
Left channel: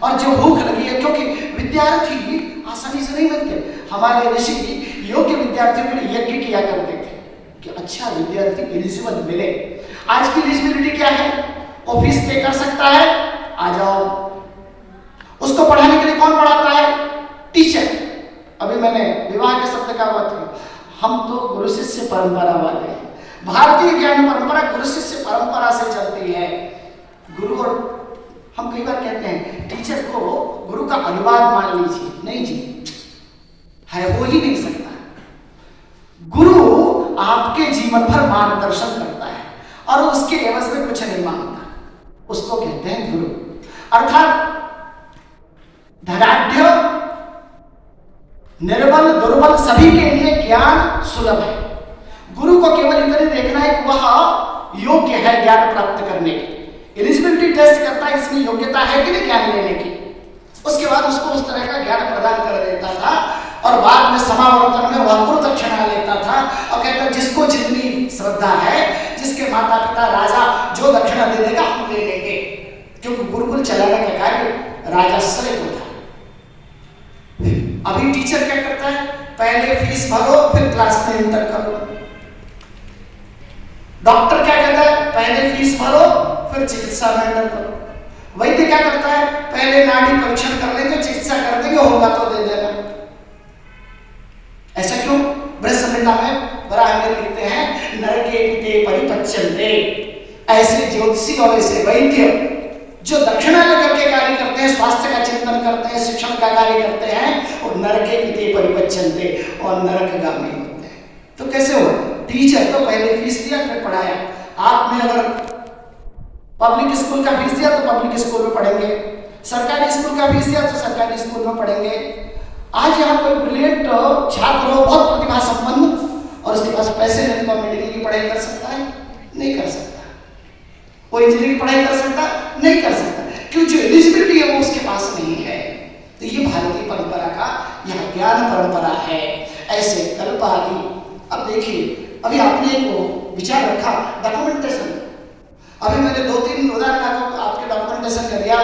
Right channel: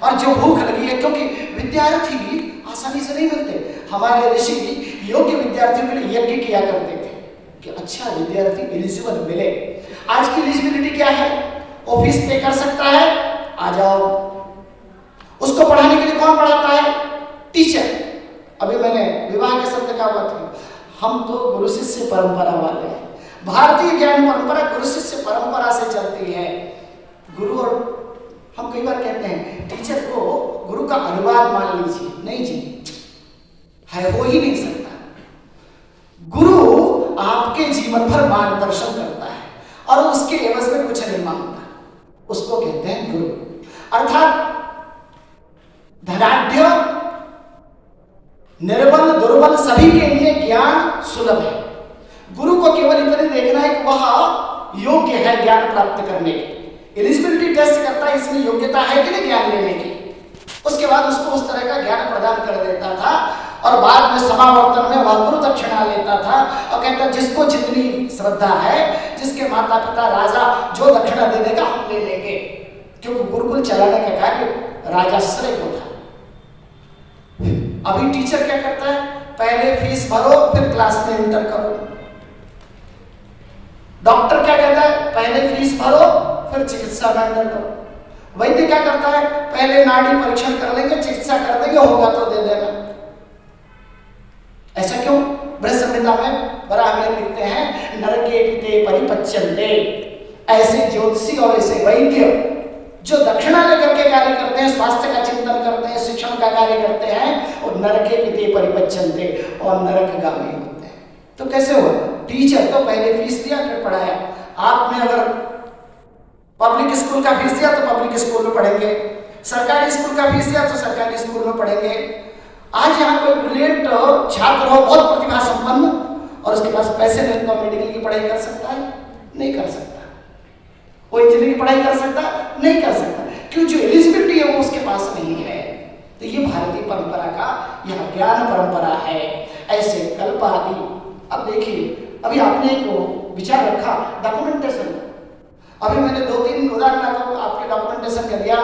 और जो भूख लगी है, क्योंकि विद्यार्थी आसानी से नहीं मिलते। हमारे ऋषि योग्य विद्यार्थियों के लिए यज्ञ किया करते थे कि अच्छा विद्यार्थी एलिजिबल मिले। आज की एलिजिबिलिटी क्या है? वो फीस पे कर सकता है, आ जाओ। उसको पढ़ाने के लिए कौन पढ़ाता है? टीचर। अभी मैंने विवाह के शब्द का बात की, हम तो गुरु शिष्य परंपरा वाले हैं। भारतीय ज्ञान परंपरा गुरु शिष्य परंपरा से चलती है। गुरु, और हम कई बार कहते हैं टीचर को गुरु का अनुवाद मान लीजिए, नहीं जी, है हो ही नहीं सकता। गुरु आपके जीवन भर मार्गदर्शन करता है और उसके एवज में कुछ नहीं मांगता, उसको कहते हैं गुरु। अर्थात धनाढ्य, निर्बल, दुर्बल सभी के लिए ज्ञान सुलभ है। गुरु को केवल इतने देखना है कि वह योग्य है ज्ञान प्राप्त करने की। एलिजिबिलिटी टेस्ट करता है, इसमें योग्यता है कि नहीं ज्ञान लेने की। उसके बाद उसको उस तरह का ज्ञान प्रदान कर देता था और बाद में समावर्तन में वह गुरु दक्षिणा लेता था और कहता जिसको जितनी श्रद्धा है, जिसके माता पिता राजा जो दक्षिणा दे देगा हम ले लेंगे, क्योंकि गुरुकुल चलाने का कार्य राजाश्रय को था। अभी टीचर क्या करता है? पहले फीस भरो फिर क्लास में एंटर करो। डॉक्टर क्या कहता है? पहले फीस भरो फिर चिकित्सा में एंटर करो। वैद्य क्या करता है? पहले नाड़ी परीक्षण कर लेंगे, चिकित्सा कर देंगे, होगा तो दे देना। ऐसा क्यों? बृहस्पतिला में बराह में लिखते हैं नरके पिते परिपच्यन्ते। ऐसे ज्योतिषी और ऐसे वैद्य जो दक्षिणा लेकर के कार्य करते हैं, स्वास्थ्य का चिंतन करते हैं, शिक्षण का कार्य करते हैं, और नरके पिते परिपच्यन्ते और नरकगामी होते हैं। तो कैसे हुआ? टीचर तो पहले फीस दिया फिर पढ़ाया। आपने अगर पब्लिक स्कूल का फीस दिया तो पब्लिक स्कूल में पढ़ेंगे, सरकारी स्कूल का फीस दिया तो सरकारी स्कूल में पढ़ेंगे। आज यहाँ कोई ब्रिलियंट छात्र हो, बहुत प्रतिभा संपन्न, और उसके पास पैसे नहीं तो मेडिकल की पढ़ाई कर सकता है? नहीं कर सकता। वो इंजीनियरिंग की पढ़ाई कर सकता? नहीं कर सकता, क्यों? जो एलिजिबिलिटी है वो उसके पास नहीं है। तो ये भारतीय परंपरा का यह ज्ञान परंपरा है। ऐसे कल्पादि। अब देखिए, अभी आपने एक विचार रखा डॉक्यूमेंटेशन। अभी मैंने 2-3 उदाहरण आपके डॉक्यूमेंटेशन का दिया,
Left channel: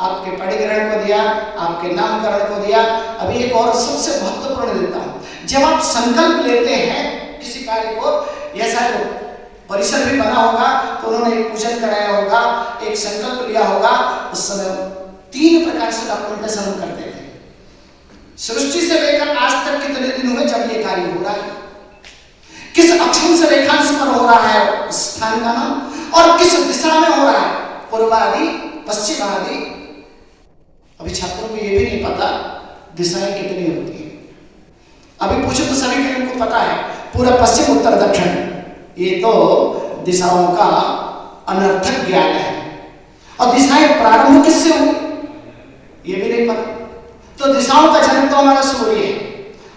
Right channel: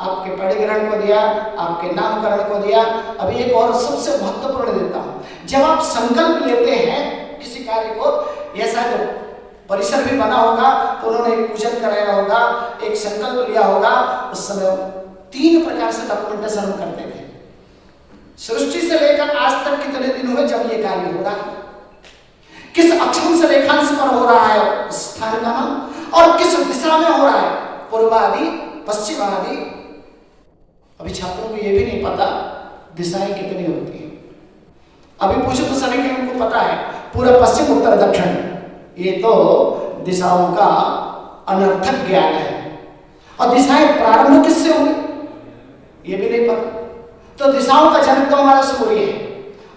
आपके परिग्रहण को दिया, आपके नामकरण को दिया। अभी एक और सबसे महत्वपूर्ण देता हूं। जब आप संकल्प लेते हैं किसी कार्य को, ऐसा जो परिसर भी बना होगा तो उन्होंने एक पूजन कराया होगा, एक संकल्प लिया होगा, उस समय 3 प्रकार से डॉक्यूमेंटेशन हम करते थे। सृष्टि से लेकर आज तक कितने दिन हुए जब ये कार्य हो रहा है, किस अक्षांश रेखांश पर हो रहा है स्थान का नाम, और किस दिशा में हो रहा है, पूर्व आदि पश्चिम आदि। अभी छात्रों को ये भी नहीं पता दिशाएं कितनी होती है। अभी पूछो तो सभी के उनको पता है पूर्व पश्चिम उत्तर दक्षिण, ये तो दिशाओं का अनर्थक ज्ञान है। और दिशाएं प्रारंभ किससे हुई ये भी नहीं पता। तो दिशाओं का जनक तो हमारा सूर्य है,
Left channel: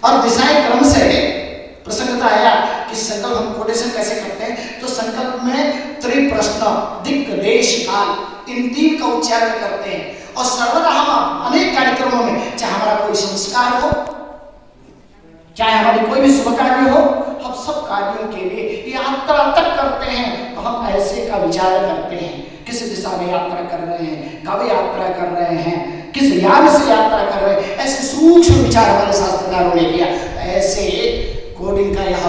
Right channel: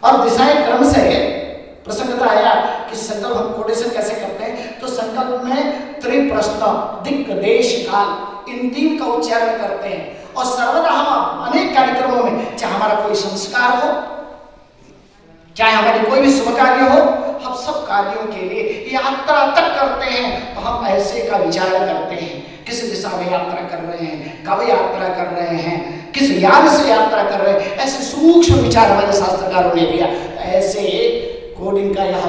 और दिशाएं क्रम से प्रसन्नता आया कि संकल्प हम कोटेशन कैसे करते हैं, तो संकल्प में त्रिप्रश्न, दिक्, देश, काल, इन 3 का उच्चारण करते हैं। और सर्वदा हम अनेक कार्यक्रमों में, चाहे हमारा कोई संस्कार हो, चाहे हमारी कोई भी शुभ कार्य हो, हम सब कार्यों के लिए यात्रा तक करते हैं तो हम ऐसे का विचार करते हैं, किस दिशा में यात्रा कर रहे हैं, कब यात्रा कर रहे हैं, किस यान से यात्रा कर रहे हैं। ऐसे सूक्ष्म विचार हमारे शास्त्रकारों ने किया। ऐसे कोडिंग का यह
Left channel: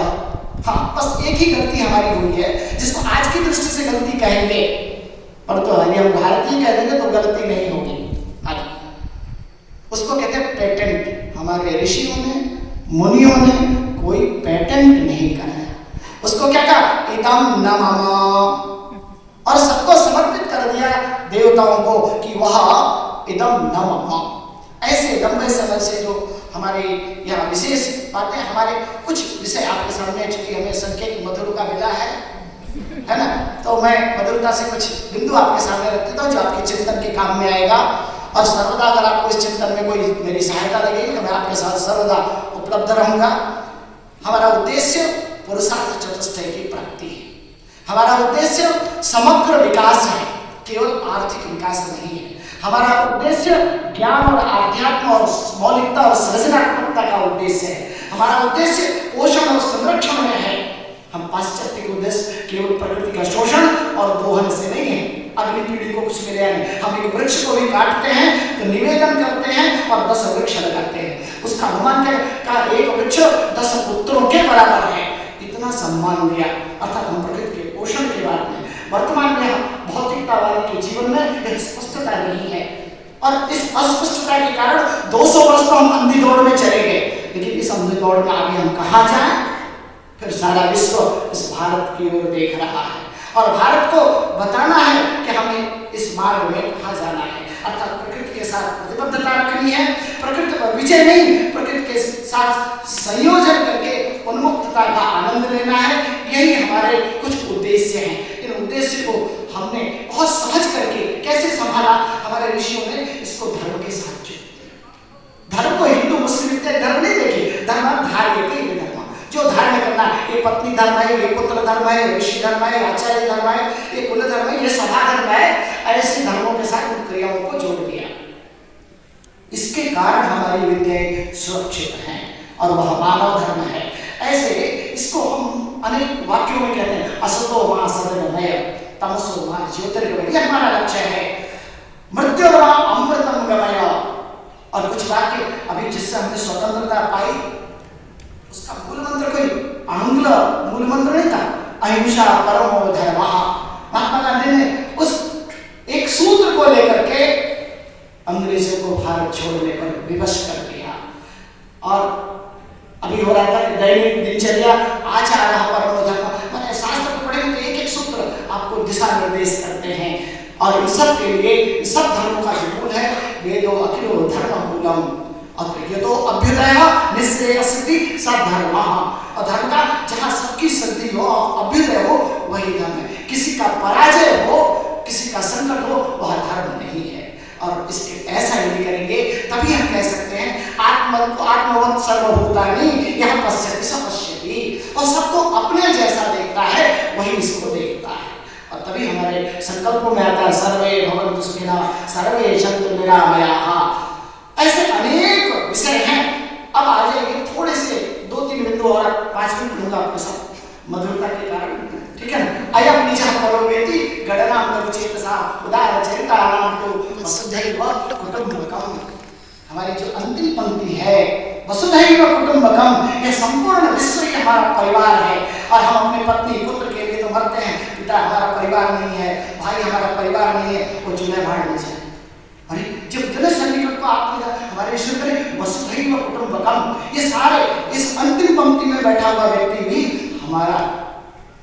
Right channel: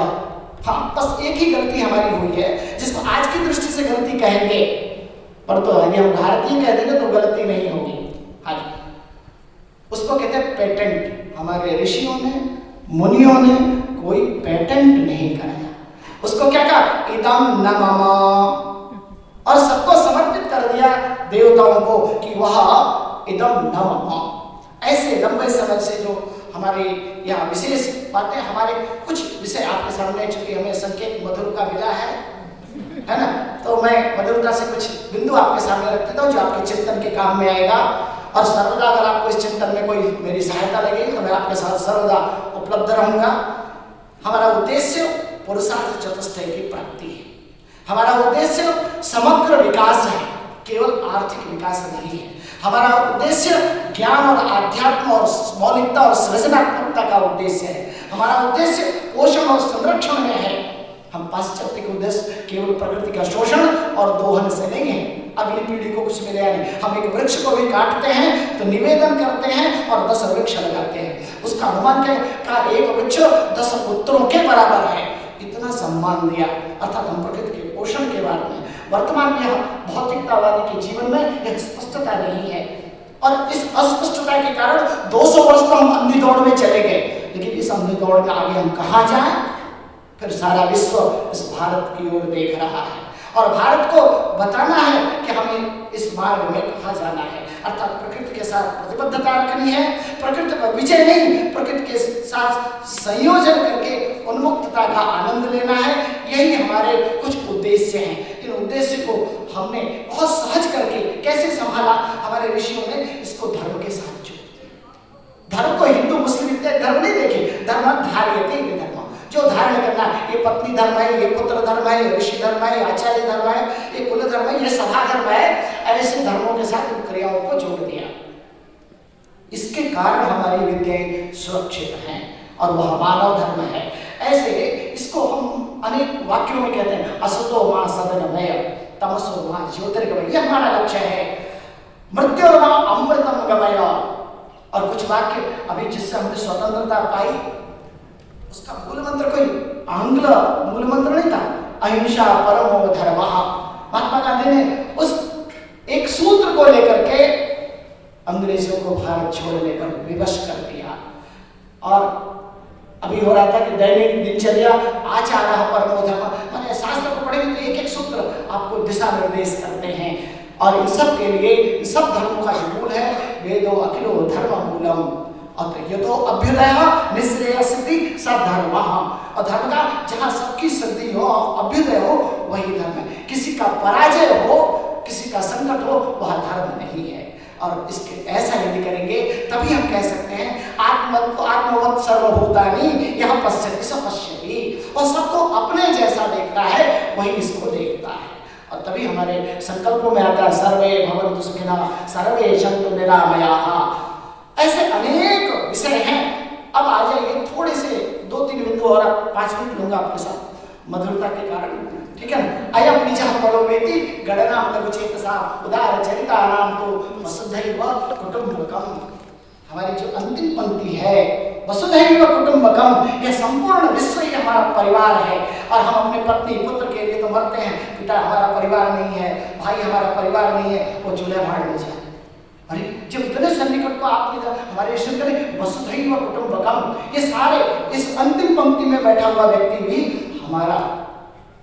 हाँ, बस एक ही गलती हमारी हुई है जिसको आज की दृष्टि से गलती कहेंगे, पर तो यदि हम भारतीय कह देंगे तो गलती नहीं होगी। हाँ जी, उसको कहते हैं पेटेंट। हमारे ऋषियों ने, मुनियों ने कोई पेटेंट नहीं कराया। उसको क्या कहा? इदम न मम, और सबको समर्पित कर दिया देवताओं को कि वह इदम न मम। ऐसे लंबे समय से जो हमारे यहाँ विशेष बातें, हमारे कुछ विषय आपके सामने, चूंकि हमें संकेत मधुर का मिला है ना, तो मैं मधुरता से कुछ बिंदु आपके सामने रख देता हूँ जो आपके चिंतन के काम में आएगा। और सर्वदा अगर आपको इस चिंतन में कोई मेरी सहायता लगेगी तो मैं आपके साथ सर्वदा उपलब्ध रहूंगा। हमारा उद्देश्य पुरुषार्थ चतुष्टय की प्राप्ति है। हमारा उद्देश्य समग्र विकास है, केवल आर्थिक विकास नहीं है। हमारा उद्देश्य ज्ञान और आध्यात्म और मौलिकता और सृजनात्मकता का उद्देश्य है। हमारा उद्देश्य पोषण और संरक्षण में है। हम पाश्चात्य के उद्देश्य केवल प्रकृति का शोषण और दोहन से नहीं है, अगली पीढ़ी को कुछ मिले नहीं। हम एक वृक्ष को भी काटते हैं तो निवेदन करते हैं और 10 वृक्ष लगाते हैं। उसका अनुमान क्या का? एक वृक्ष 10 पुत्रों के बराबर है। इतना सम्मान दिया, अर्थात हम प्रकृति के पोषण के बारे में। वर्तमान में भौतिकतावादी के जीवन में यह स्पष्टता नहीं है, और इस अस्पष्टता के कारण 200 वर्ष तो हम अंधी दौड़ में चले गए। लेकिन इस अंधी दौड़ में आगे हम कहाँ जाएं? फिर सारा विश्व इस भारत की ओर देख रहा है और भारत को बताना है कि हमें इस मार्ग में कहाँ जाना है। अर्थात प्रकृति के साथ प्रतिबद्धता रखनी है, प्रकृति पर विजय नहीं, प्रकृति के साथ संयोजन करके उन्मुक्तता का आनंद लेना है। यही हमारे कुछ उद्देश्य हैं। इन उद्देश्य को हमने बहुत सहज करके कैसे संभाला? हमारे ऋषियों ने इसको धर्म के साथ जोड़ दिया। धर्म को हिंदू मुस्लिम इत्यादि धर्म नहीं देखे, धर्म धार्यते धर्म, जो धारण करना है। ये पत्नी धर्म है, ये पुत्र धर्म है, ये ऋषि धर्म है, आचार्य धर्म है, ये कुल धर्म है, ये सभा धर्म है। ऐसे धर्मों के साथ उन क्रियाओं को जोड़ दिया। इसके कारण हमारी विद्याएं सुरक्षित हैं और वह मानव धर्म है। ऐसे इसको हम अनेक वाक्यों में कहते हैं, असतो मां सदनमय, तमसो मां ज्योतिर्गमय। यह हमारा लक्ष्य है। मृत्यु मां अमृतम गमय। और कुछ वाक्य अभी जिससे हमने स्वतंत्रता पाई, उसका मूल मंत्र कोई आंग्ल मूल मंत्र नहीं था, अहिंसा परमो धर्मः। महात्मा गांधी ने उस एक सूत्र को लेकर के अंग्रेजों को भारत छोड़ने पर विवश कर दिया। और अभी हो रहा था कि दैनिक दिनचर्या आचार्य परमो धर्मः, मैंने शास्त्र को पढ़ेंगे तो एक एक सूत्र आपको दिशा निर्देश करते हैं। और इन सब के लिए, इन सब धर्मों का जो मूल है, वेदो अखिलो धर्म मूलम, ये तो अभ्युदय निश्रेय सिद्धि सधर्म। और धर्म का जहाँ सबकी सिद्धि हो, अभ्युदय हो, वही धर्म है। किसी का पराजय हो, किसी का संकट हो, वह धर्म नहीं है। और इसके ऐसा यदि करेंगे तभी हम कह सकते हैं आत्मवत् सर्वभूतानि यह पश्यति स पश्यति। और सबको अपने जैसा देखता है, वही इसको देखता है। और तभी हमारे संकल्पों में आता है सर्वे भवन्तु सुखिनः सर्वे सन्तु निरामयाः। ऐसे अनेक विषय हैं। अब आ जाएंगे थोड़े से 2-3 बिंदु और 5 मिनट लूंगा आपके साथ मधुरता के कारण, ठीक है ना। अयम निजः परोवेति गणनाम लघुचेतसा उदार चरितानाम तो वसुधैव कुटुम्बकम। हमारी जो अंतिम पंक्ति है वसुधैव कुटुम्बकम, यह संपूर्ण विश्व ही हमारा परिवार है। और हम अपने पत्नी पुत्र के लिए तो मरते हैं, पिता हमारा परिवार नहीं है, भाई हमारा परिवार नहीं है, वो चूल्हे भाड़ में जाए। अरे जो इतने सन्निकट को आपने हमारे ईश्वर करे वसुधैव कुटुम्बकम, ये सारे इस अंतिम पंक्ति में बैठा हुआ व्यक्ति भी हमारा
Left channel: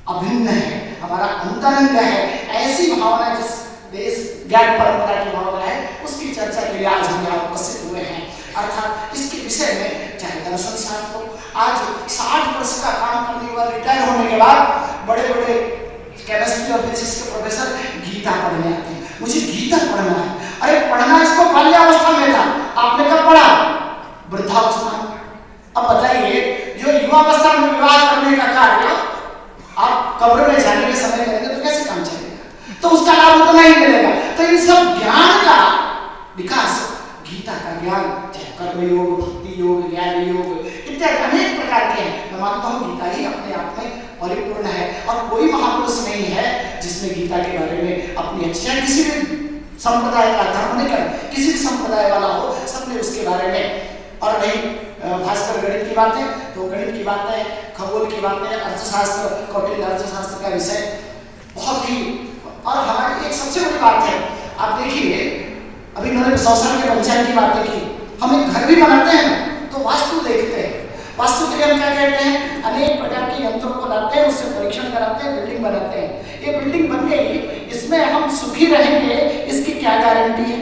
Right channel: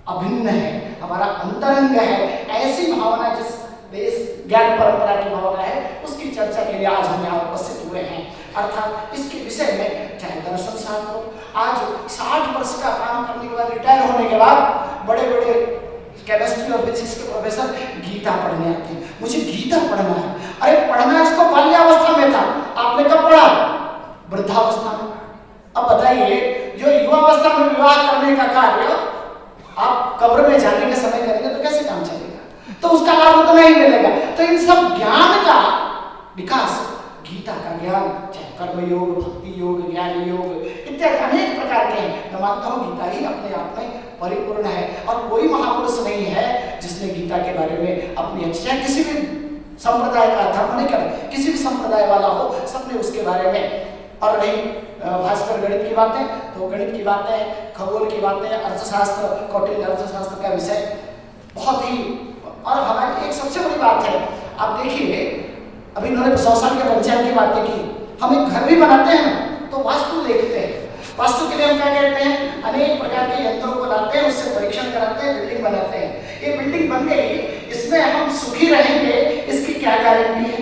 अभिन्न है, हमारा अंतरंग है। ऐसी भावना जिस ज्ञान परंपरा की भावना है, उसकी चर्चा के लिए आज हम यहाँ उपस्थित हुए हैं। अर्थात इसके विषय में चाहे दर्शन शास्त्र हो, आज 60 वर्ष का काम करने के बाद, रिटायर होने के बाद बड़े बड़े केमिस्ट्री और फिजिक्स के प्रोफेसर गीता पढ़ने आते हैं। मुझे गीता पढ़ना है। अरे पढ़ना इसको बाल्यावस्था में था, आपने कब पढ़ा? वृद्धावस्था में। अब बताइए, जो युवावस्था में विवाह करने का कार्य आप कब्र में जाने के समय करेंगे तो कैसे काम चलेगा? तो उसका लाभ उतना ही मिलेगा। तो इन सब ज्ञान का विकास, गीता का ज्ञान, चाहे कर्म योग, भक्ति योग, ज्ञान योग इत्यादि अनेक प्रकार के हैं। मैं मानता हूँ गीता ही अपने आप में परिपूर्ण है और कोई महापुरुष नहीं है जिसने गीता के बारे में अपनी अच्छी, चाहे किसी भी संप्रदाय का धर्म नहीं कर, किसी भी संप्रदाय वाला हो, सबने उसके बारे में और रही भास्कर गणित की बातें, तो गणित की बातें, खगोल की बातें, अर्थशास्त्र, कौटिल्य अर्थशास्त्र का विषय बहुत ही। और हमारी एक सबसे बड़ी बात है, आप देखिए अभी इन्होंने 100 साल के पंचायत की बातें की। हम एक घर भी बनाते हैं ना तो वास्तु देखते हैं। वास्तु के लिए हम क्या कहते हैं, अनेक प्रकार के यंत्रों को लाते हैं, उससे परीक्षण कराते हैं, बिल्डिंग बनाते हैं। ये बिल्डिंग बन गई, इसमें हम सुखी रहेंगे, इसकी क्या गारंटी है?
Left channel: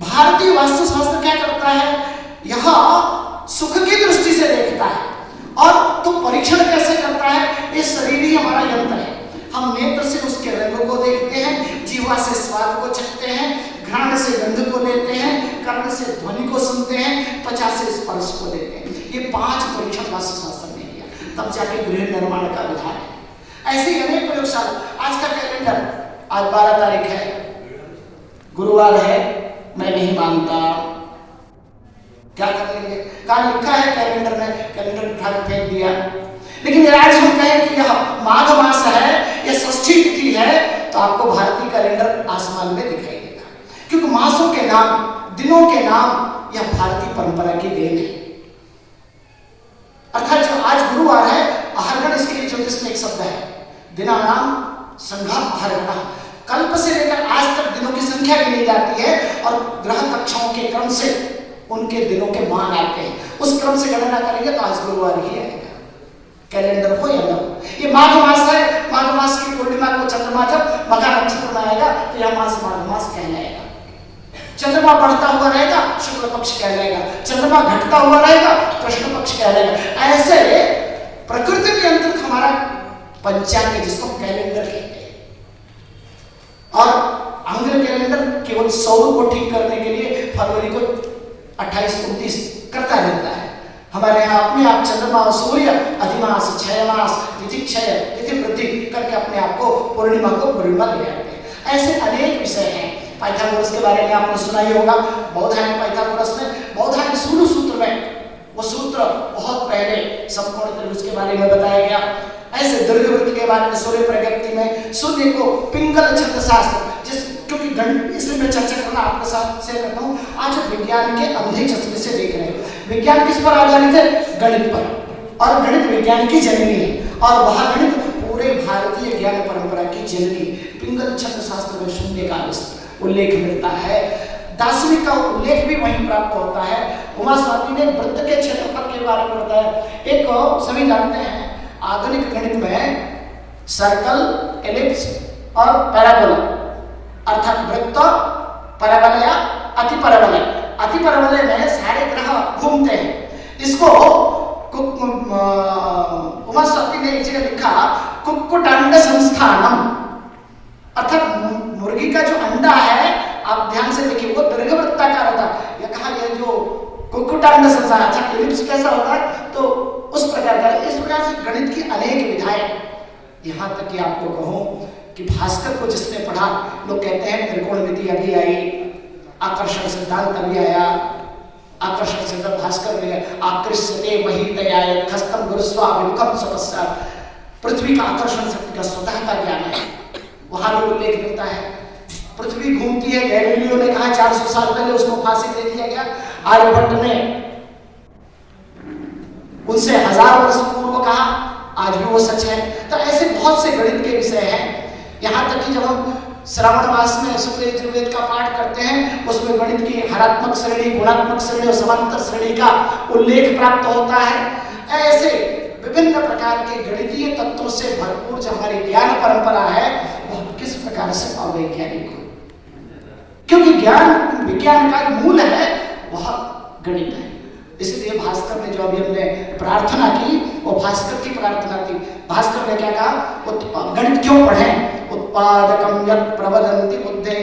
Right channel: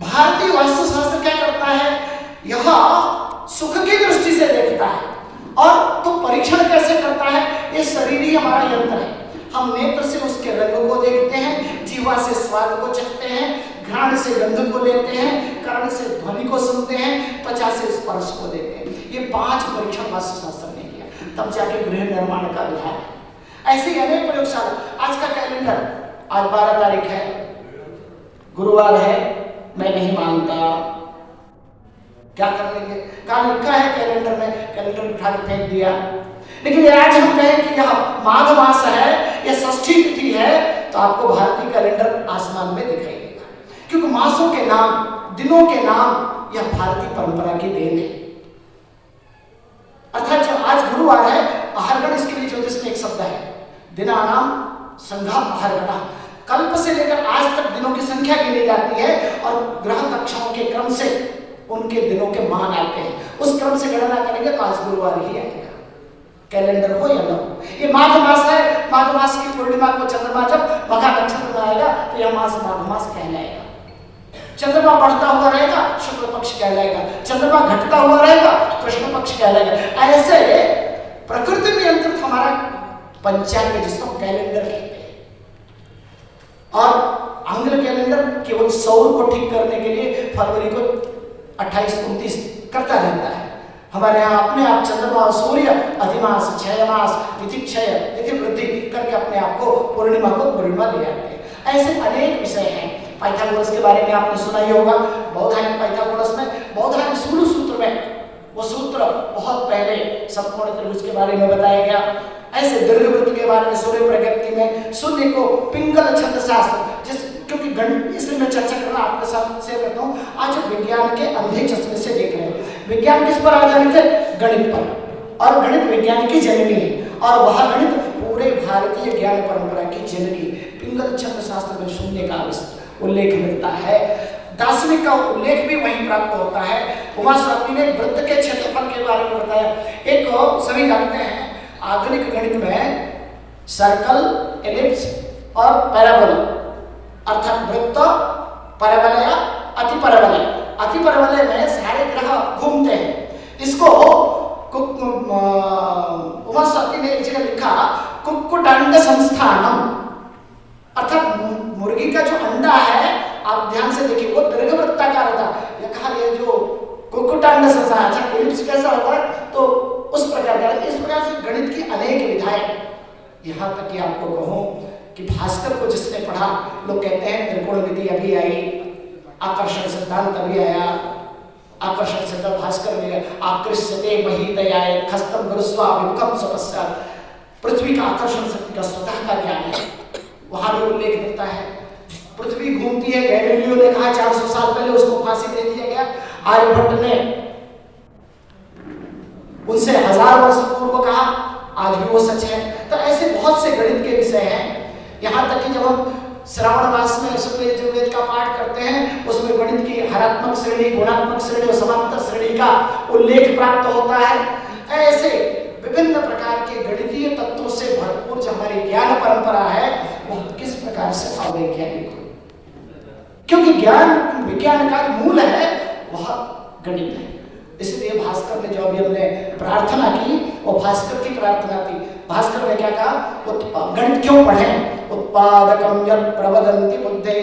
भारतीय वास्तुशास्त्र क्या करता है, यह सुख की दृष्टि से देखता है। और तो परीक्षण कैसे करता है, ये शरीर ही हमारा यंत्र है। हम नेत्र से उसके रंग को देखते हैं, जीवा से स्वाद को चखते हैं, घ्राण से गंध को लेते हैं, कर्ण से ध्वनि को सुनते हैं, त्वचा से स्पर्श को देते हैं। ये 5 परीक्षण वास्तुशास्त्र ने किया, तब जाके गृह निर्माण का विधान है। ऐसे ही अनेक प्रयोगशाला। आज का कैलेंडर, आज 12 तारीख है, गुरुवार है, मैं नहीं मानता, क्या कर लेंगे? कहाँ लिखा है कैलेंडर में, कैलेंडर उठा के फेंक दिया। लेकिन आज हम कहें कि यह माघ मास है, यह षष्ठी तिथि है, तो आपको भारतीय कैलेंडर आसमान में दिखाई देगा। क्योंकि मासों के नाम, दिनों के नाम, यह भारतीय परंपरा की देन है। अर्थात जो आज गुरुवार है, अहर्गण इसके लिए ज्योतिष में एक शब्द है, दिनानाम संघा अहर्गण। कल्प से लेकर आज तक दिनों की संख्या गिनी जाती है और ग्रह कक्षाओं के क्रम से उनके दिनों के मान आते हैं। उस क्रम से गणना करेंगे तो आज गुरुवार ही आएगा, कैलेंडर हो या न हो। ये माघ मास है, माघ मास की पूर्णिमा को चंद्रमा जब मघा नक्षत्र में आएगा तो यह मास माघ मास कहलाएगा। चंद्रमा बढ़ता हुआ रहेगा, शुक्ल पक्ष कहलाएगा, चंद्रमा घटता हुआ रहेगा, कृष्ण पक्ष कहलाएगा। ऐसे प्रकृति नियंत्रित हमारा पंचांग है, जिसको कैलेंडर कहते हैं। और आंग्ल कैलेंडर केवल सौर को ठीक करने के लिए फरवरी को 28-29 करता रहता है। हमारे यहाँ अपने आप चंद्रमा और सूर्य अधिमास, क्षयमास, तिथि क्षय, तिथि वृद्धि करके अपने आप को पूर्णिमा ले आते हैं। ऐसे अनेक विषय हैं। पाइथागोरस के बारे में आपने सुना ही होगा। बौधायन पाइथागोरस में, बौधायन सूर्य सूत्र में, वो सूत्र बहुत पहले समकोण त्रिभुज के बारे में बताया गया। ऐसे दीर्घवृत्त के बारे में सूर्य प्रज्ञप्ति में शून्य को पिंगल छंद शास्त्र, जिस क्योंकि गणित, इसलिए मैं चर्चा करना आपके साथ से करता हूँ। आज विज्ञान के अंधे चश्मे से देख रहे हैं। विज्ञान किस पर आधारित है? गणित पर। और गणित विज्ञान की जननी है, और वह गणित पूरे भारतीय ज्ञान परंपरा की जननी। पिंगल छंद शास्त्र में शून्य का उल्लेख मिलता है। दार्शनिक का उल्लेख भी वहीं प्राप्त होता है। उमा स्वामी ने वृत्त के क्षेत्रफल के बारे में बताया। एक सभी जानते हैं आधुनिक गणित में सर्कल, एलिप्स और पैराबोला, अर्थात वृत्त, परवलय, अतिपरवलय। अतिपरवलय में सारे ग्रह घूमते हैं। इसको उमा स्वामी ने एक जगह लिखा, कुक्कुटांड संस्थानम, अर्थात मुर्गी का जो अंडा है, आप ध्यान से देखिए, वो दीर्घवृत्ताकार होता है। यह कहा, ये जो कुक्कुटांड संस्थान, अच्छा एलिप्स कैसा होता है, तो उस प्रकार का। इस प्रकार से गणित की अनेक विधाएं, यहाँ तक कि आपको कहूं कि भास्कर को जिसने पढ़ा, लोग कहते हैं त्रिकोण विधि अभी आई, आकर्षण सिद्धांत अभी आया, आकर्षण सिद्धांत भास्कर में, आकृष्यते महितयाय खस्तम गुरुस्वाभिमुखम स्वपश्चात्, पृथ्वी का आकर्षण शक्ति का स्वतः का ज्ञान है, वहां भी उल्लेख मिलता है। पृथ्वी घूमती है, गैलीलियो ने कहा 400 साल पहले उसको फांसी दे दिया गया। आर्यभट्ट ने उनसे 1000 वर्ष पूर्व कहा, आज भी वो सच है। तो ऐसे बहुत से गणित के विषय हैं। यहाँ तक कि जब हम श्रावण मास में शुक्ल यजुर्वेद का पाठ करते हैं, उसमें गणित की हरात्मक श्रेणी, गुणात्मक श्रेणी और समांतर श्रेणी का उल्लेख प्राप्त होता है। ऐसे विभिन्न प्रकार के गणितीय तत्वों से भरपूर जो हमारी ज्ञान परंपरा है, वह किस प्रकार से अवैज्ञानिक हो, क्योंकि ज्ञान विज्ञान का मूल है वह गणित है। इसलिए भास्कर ने जो अभी हमने प्रार्थना की, वो भास्कर की प्रार्थना थी। भास्कर ने क्या कहा, गणित क्यों पढ़ें? उत्पादकम यत् प्रवदन्ति बुद्धे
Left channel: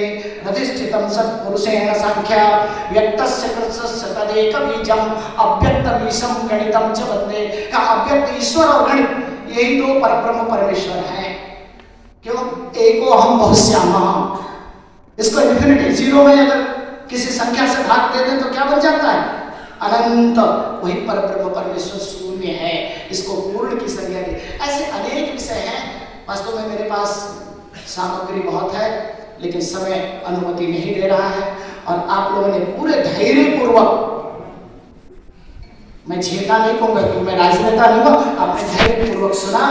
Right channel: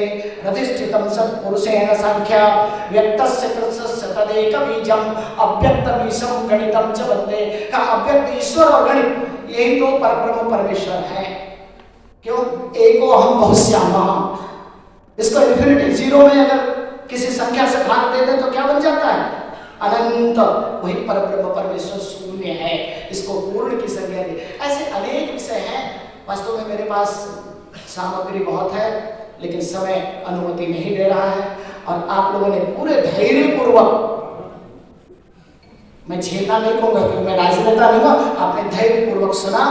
रतिष्ठितम सत्पुरुषेण सांख्या व्यक्तस्य कृतस्य तदेक बीजम अव्यक्त बीजम गणितम च वन्दे। का अव्यक्त ईश्वर और गणित, यही तो परब्रह्म परमेश्वर है। क्यों? एको अहम बहुश्यामः। इसको इन्फिनिटी, जीरो में अगर किसी संख्या से भाग दे दें तो क्या बन जाता है? अनंत। वही परब्रह्म परमेश्वर शून्य है, इसको पूर्ण की संज्ञा दी। ऐसे अनेक विषय हैं। वास्तव में मेरे पास सामग्री बहुत है, लेकिन समय अनुमति नहीं दे रहा है। और आप लोगों ने पूरे धैर्यपूर्वक, मैं छेड़ना नहीं कहूंगा क्योंकि मैं राजनेता नहीं हूं, आपने धैर्यपूर्वक सुना